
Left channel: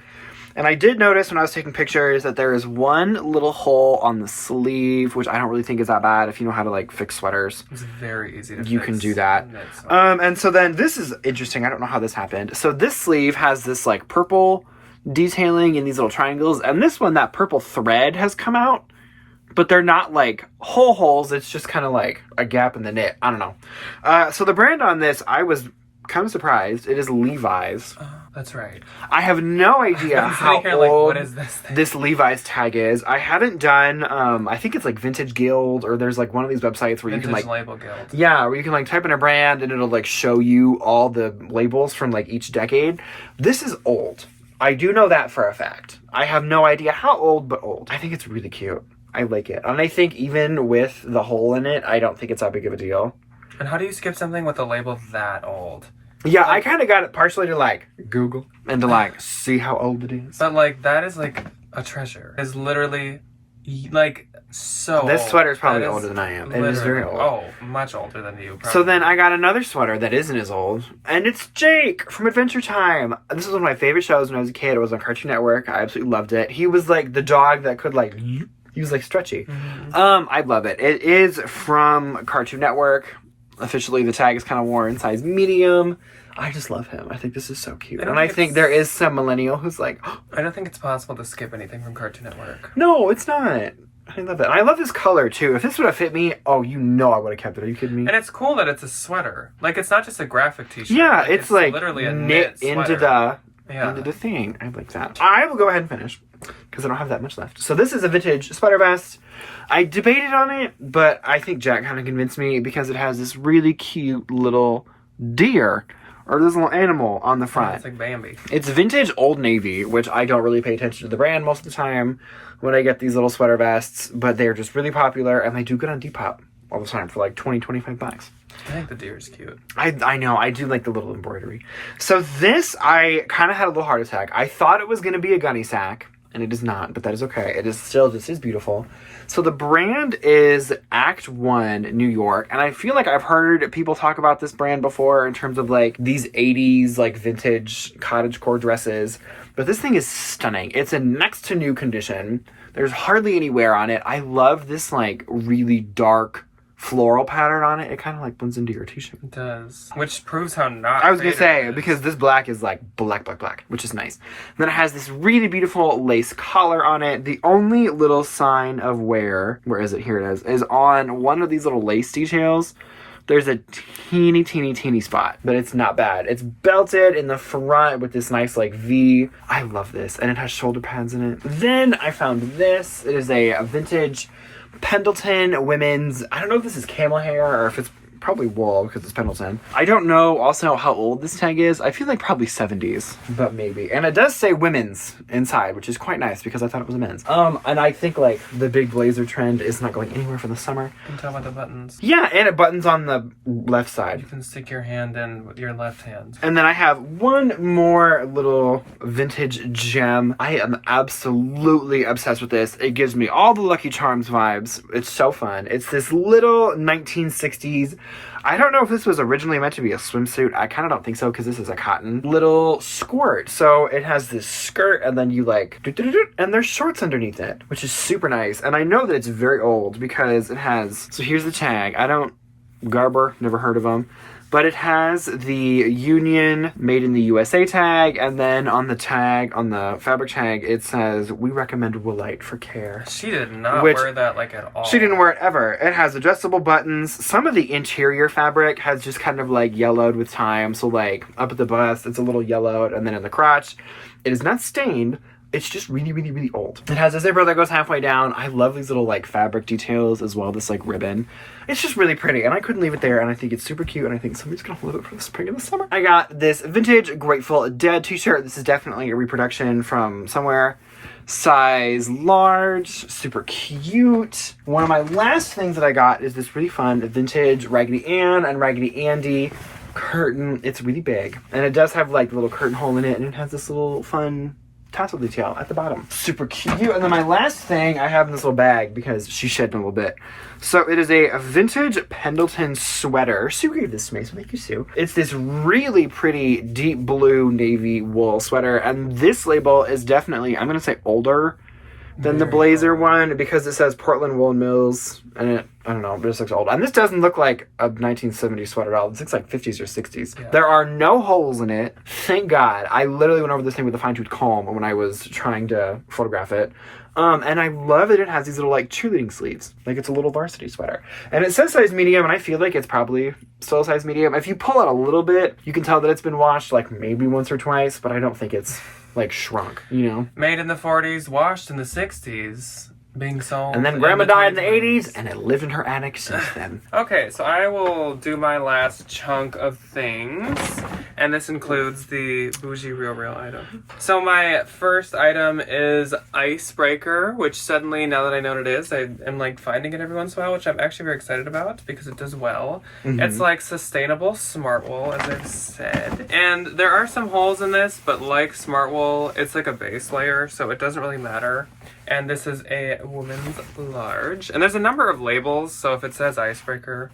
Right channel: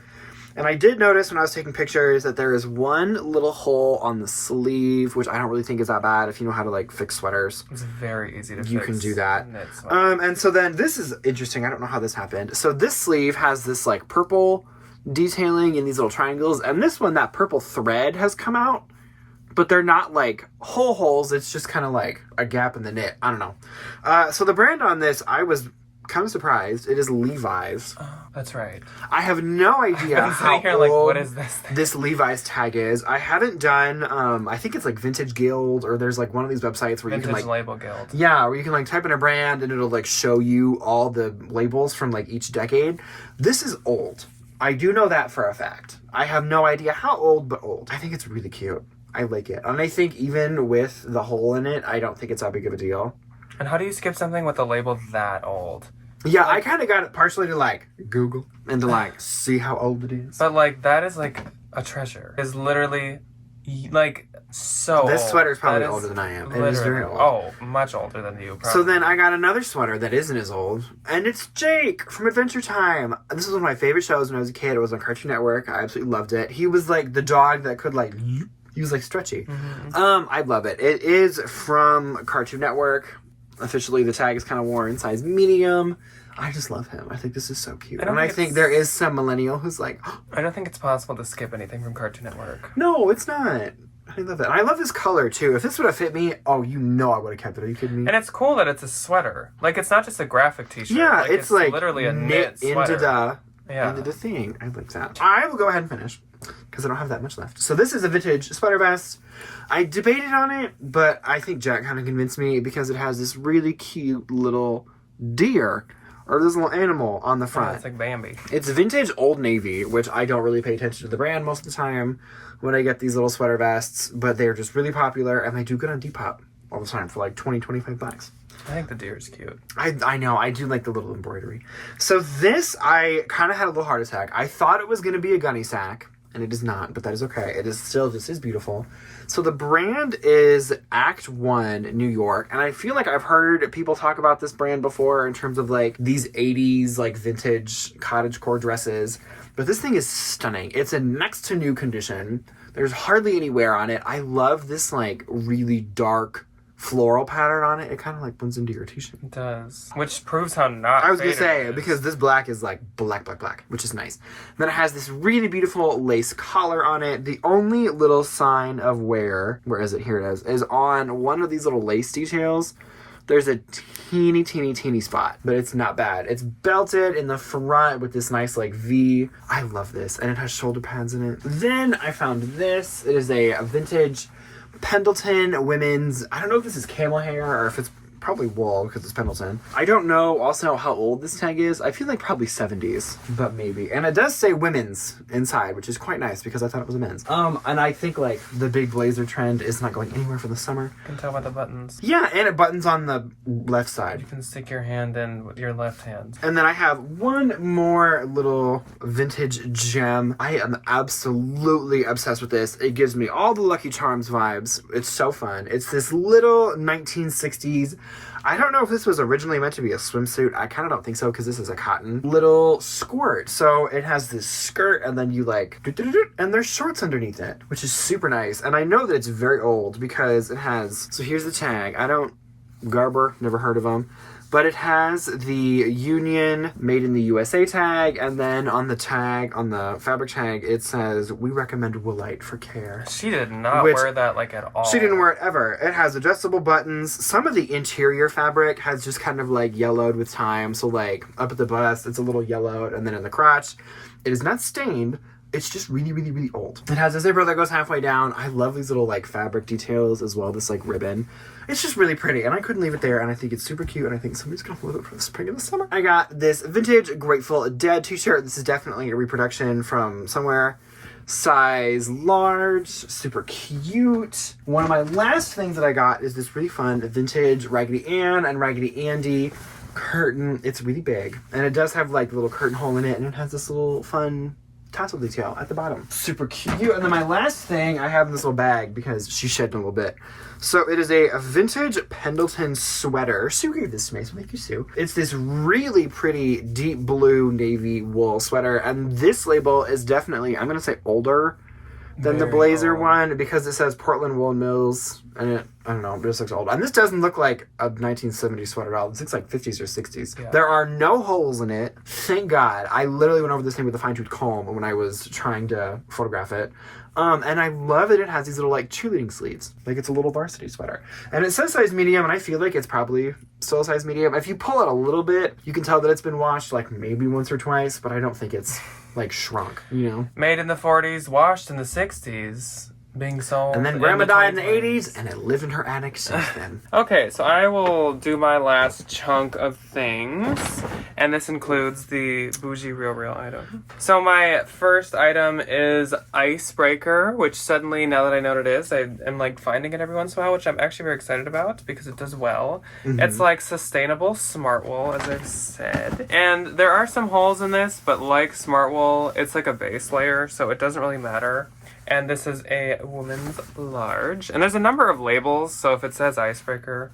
And I did notice when I was taking pictures that there is one little hole on the sleeve, which I don't really think is that bad if you know how to like fix sweaters. It's very easy to fix. You can do that. And so then this is interesting. I don't know how this happened. So this sleeve has this like purple detailing in these little triangles, and this one, that purple thread has come out, but they're not like holes. It's just kind of like a gap in the knit. I don't know. So the brand on this, I was kind of surprised. It is Levi's. Oh, that's right. I have no idea how here, old what is this Levi's tag is. I haven't done, I think it's like Vintage Guild, or there's like one of these websites where you can like... Label Guild. Yeah, where you can like type in a brand and it'll like show you all the labels from like each decade. This is old. I do know that for a fact. I have no idea how old, but old. I think it's really cute. I like it. And I think even with the hole in it, I don't think it's that big of a deal. And how do you skip something with a label that old? Yeah, I kind of got it partially to like Google and to like see how old it is. But like that is like a treasure. It's literally like so This old. sweater is probably older than I am. It is very old. Oh, much older than you. Probably. So then I got another sweater that isn't as old, and it's Jake from Adventure Time. This was one of my favorite shows when I was a kid. It was on Cartoon Network. I absolutely loved it. He was like the dog that could like, he was like stretchy. Mm-hmm. I love it. It is from Cartoon Network. Officially, the tag is kind of worn, size medium. I just love him. I think this is so cute. And I think there is some millennial who's like... I don't think it's possible to skip anything from Cartoon Network. No, it's not. I love it. And I love this color, too. If this would have fit me, oh, you know I would have kept it. Are you kidding me? And it's cool that it's a sweater. Like, it's not just a graphic t-shirt. Yeah, it's like literally a knit into yeah. the thing. I like that. I will go ahead and finish because I don't have that much left. So this is a vintage sweater vest. I debated on it, but I think Jack kind of convinced me because it has this really cute little deer or this little animal on the front. It's like Bambi. It's vintage Old Navy, which I don't really pay attention to the brand most of the time when I get these little sweater vests, but they're just really popular and they do good on Depop all the time for like 20, 25 bucks. I think the deer is cute. I know. I do like the little embroidery. So this, I kind of had a little heart attack. I thought it was going to be a gunny sack, and it is not, but that is okay. It is still, this is beautiful. So the brand is Act One New York, and I feel like I've heard people talk about this brand before in terms of like these 80s like vintage cottagecore dresses, but this thing is stunning. It's in next to new condition. There's hardly any wear on it. I love this like really dark floral pattern on it. It kind of like blends into your t-shirt. It does. Which proves how not I was going to faded say, it is. because this black is like black, which is nice. And then it has this really beautiful lace collar on it. The only little sign of wear, where is it? Here it is on one of these little lace details. There's a teeny spot, but it's not bad. It's belted in the front with this nice like V. I love this. And it has shoulder pads in it. Then I found this. It is a vintage Pendleton women's, I don't know if this is camel hair or if it's probably wool because it's Pendleton. I don't know also how old this tag is. I feel like probably 70s, but maybe. And it does say women's inside, which is quite nice because I thought it was a men's. And I think like the big blazer trend is not going anywhere for the summer. You can tell by the buttons. Yeah, and it buttons on the left side. You can stick your hand in with your left hand. And then I have one more little vintage gem. I am absolutely obsessed with this. It gives me all the Lucky Charms vibes. It's so fun. It's this little 1960s, I don't know if this was originally meant to be a swimsuit. I kind of don't think so because this is a cotton little squirt. So it has this skirt and then you like, and there's shorts underneath it, which is super nice. And I know that it's very old because it has, so here's the tag. Garber, never heard of them. But it has the Union Made in the USA tag, and then on the tag, on the fabric tag, it says, "We recommend Woolite for care." She did not wear that like at all. She didn't wear it ever. It has adjustable buttons. Some of the interior fabric has just kind of like yellowed with time. So like up at the bust, it's a little yellowed, and then in the crotch, it is not stained. It's just really old. It has a zipper that goes halfway down. I love these little like fabric details as well, this like ribbon. It's just really pretty and I couldn't leave it there and I think it's super cute and I think somebody's gonna love it for the spring and the summer. I got this vintage Grateful Dead t-shirt. This is definitely a reproduction from somewhere. Size large, super cute. One of my last things that I got is this really fun vintage Raggedy Ann and Raggedy Andy curtain. It's really big and it does have like a little curtain hole in it and it has this little fun tassel detail at the bottom. Super cute. And then my last thing I have in this little bag because she shed in a little bit. So it is a vintage Pendleton sweater. Sue gave this to me, so thank you, Sue. It's this really pretty deep blue navy wool sweater. And this label is definitely, I'm going to say older than the blazer one because it says Portland Woolen Mills. And I don't know, it just looks old. And this doesn't look like a 1970s sweater at all. This looks like 50s or 60s. Yeah. There are no holes in it. Thank God. I literally went over this thing with a fine-tooth comb when I was trying to photograph it. And I love that it has these little, like, cheerleading sleeves. Like, it's a little varsity sweater. And it says size medium, and I feel like it's probably still a size medium. If you pull out a little bit, you can tell that it's been washed, like, maybe once or twice, but I don't think it's, like, shrunk, you know? Made in the 40s, washed in the 60s. Being sold. And then Grandma died in the 80s, and it lived in her attic since then. Okay, so I will do my last chunk of things, and this includes the Bougie Real item. So my first item is Icebreaker, which suddenly, now that I know what it is, I am like finding it every once in a while, which I'm actually very excited about because it does well. Mm-hmm. It's like sustainable Smartwool, as I've said. And there are some holes in this, but like Smartwool, it's like a base layer, so it doesn't really matter. And this is a woman's large. And there's a number of labels, so if it says Icebreaker,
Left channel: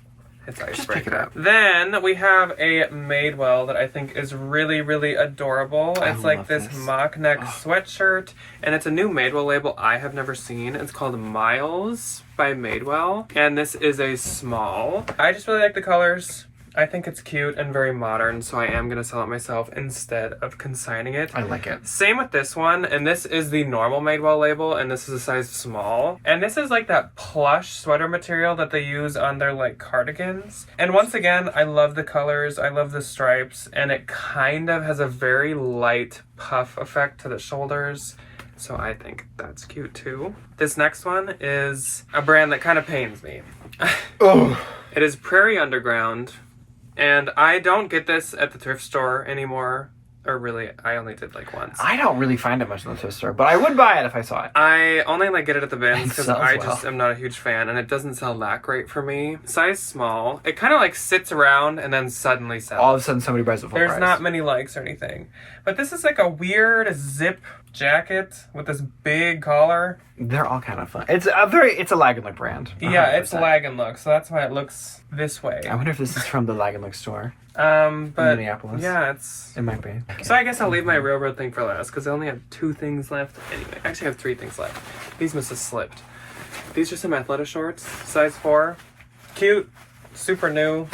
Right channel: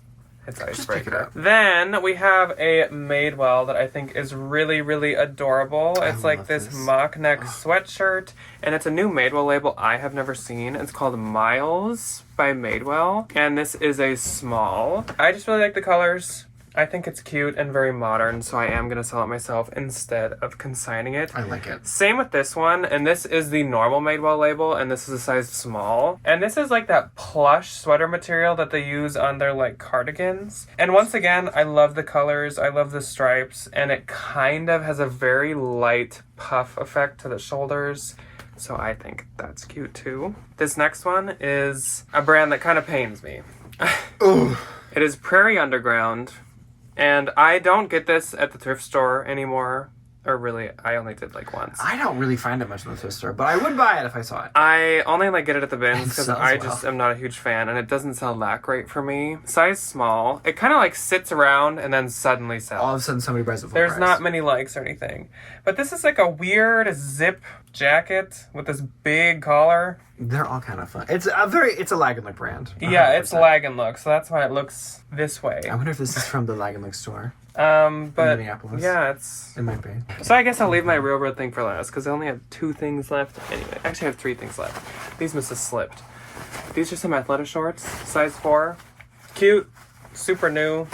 it's Icebreaker. Just pick it up. Then we have a Madewell that I think is really, really adorable. It's like this mock neck sweatshirt, and it's a new Madewell label I have never seen. It's called Miles by Madewell, and this is a small. I just really like the colors. I think it's cute and very modern, so I am going to sell it myself instead of consigning it. I like it. Same with this one, and this is the normal Madewell label, and this is a size small. And this is like that plush sweater material that they use on their like cardigans. And once again, I love the colors, I love the stripes, and it kind of has a very light puff effect to the shoulders. So I think that's cute too. This next one is a brand that kind of pains me. Oh. It is Prairie Underground. And I don't get this at the thrift store anymore. Or really, I only did like once. I don't really find it much in the thrift store, but I would buy it if I saw it. I only like get it at the bins because I well. just am not a huge fan, and it doesn't sell that great for me. Size small. It kind of like sits around and then suddenly sells. All of a sudden somebody buys it full price. There's not many likes or anything. But this is like a weird zip jacket with this big collar. They're all kind of fun. It's a Lag & Look brand. 100%. Yeah, it's Lag & Look, so that's why it looks this way. I wonder if this is from the Lag & Look store. But in Minneapolis. Yeah, it might be. So I guess I'll leave my railroad thing for last because I only have 2 things left. Anyway, actually I have 3 things left. These must have slipped. These are some Athleta shorts, size 4. Cute, super new.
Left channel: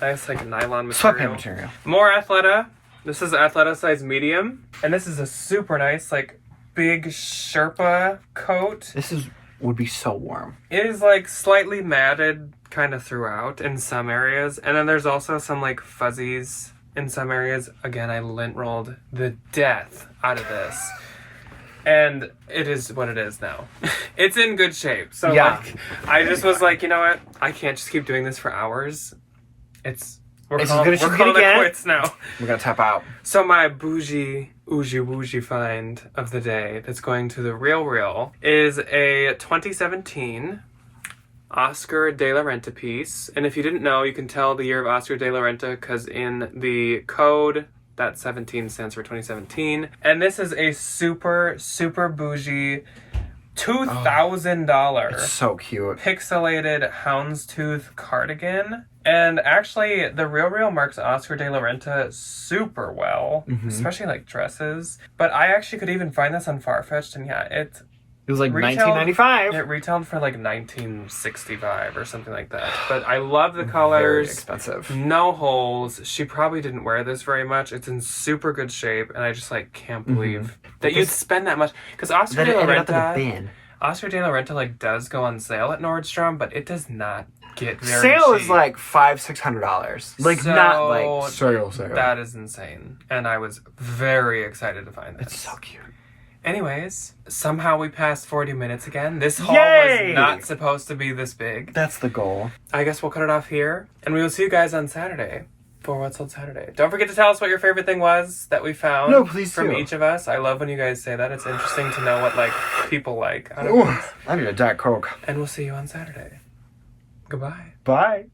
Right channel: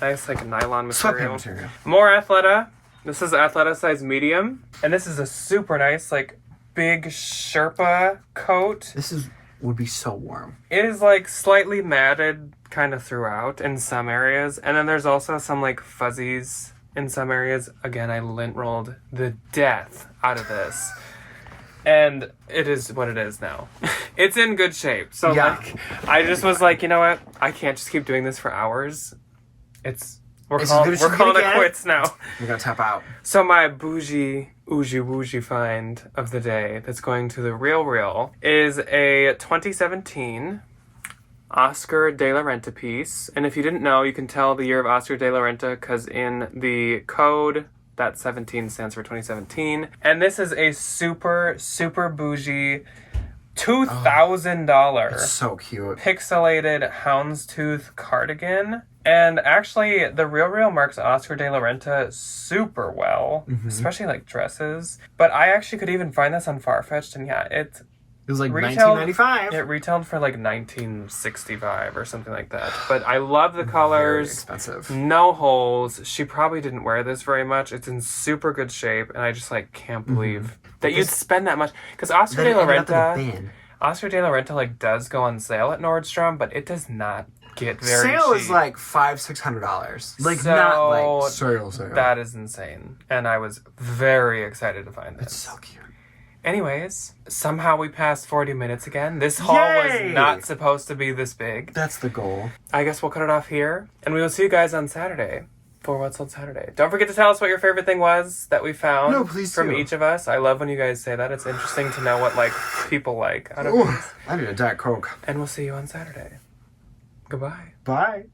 Nice like nylon material. Sweatpant material. More Athleta. This is Athleta size medium. And this is a super nice like big Sherpa coat. This would be so warm. It is like slightly matted kind of throughout in some areas. And then there's also some like fuzzies in some areas. Again, I lint rolled the death out of this. And it is what it is now. It's in good shape. So yeah. like, I just was like, you know what? I can't just keep doing this for hours. We're calling it quits now. We're gonna tap out. So my bougie find of the day that's going to the Real is a 2017 Oscar de la Renta piece. And if you didn't know, you can tell the year of Oscar de la Renta because in the code, that 17 stands for 2017. And this is a super, super bougie $2,000. It's so cute. Pixelated houndstooth cardigan. And actually, the Real marks Oscar de la Renta super well, especially like dresses. But I actually could even find this on Farfetched, and yeah, it was like $19.95. It retailed for like $19.65 or something like that. But I love the colors. Very expensive. No holes. She probably didn't wear this very much. It's in super good shape, and I just like can't believe that you'd spend that much. Because Oscar de la Renta like does go on sale at Nordstrom, but it does not get very sale cheap. Is like $500-$600. Like so not like sale. That is insane, and I was very excited to find this. It's so cute. Anyways, somehow we passed 40 minutes again. This haul was not supposed to be this big. That's the goal. I guess we'll cut it off here, and we will see you guys on Saturday for What's Sold Saturday. Don't forget to tell us what your favorite thing was that we found. No, please from do. Each of us. I love when you guys say that. It's interesting to know what like people like. I need a Diet Coke. And we'll see you on Saturday. Goodbye. Bye.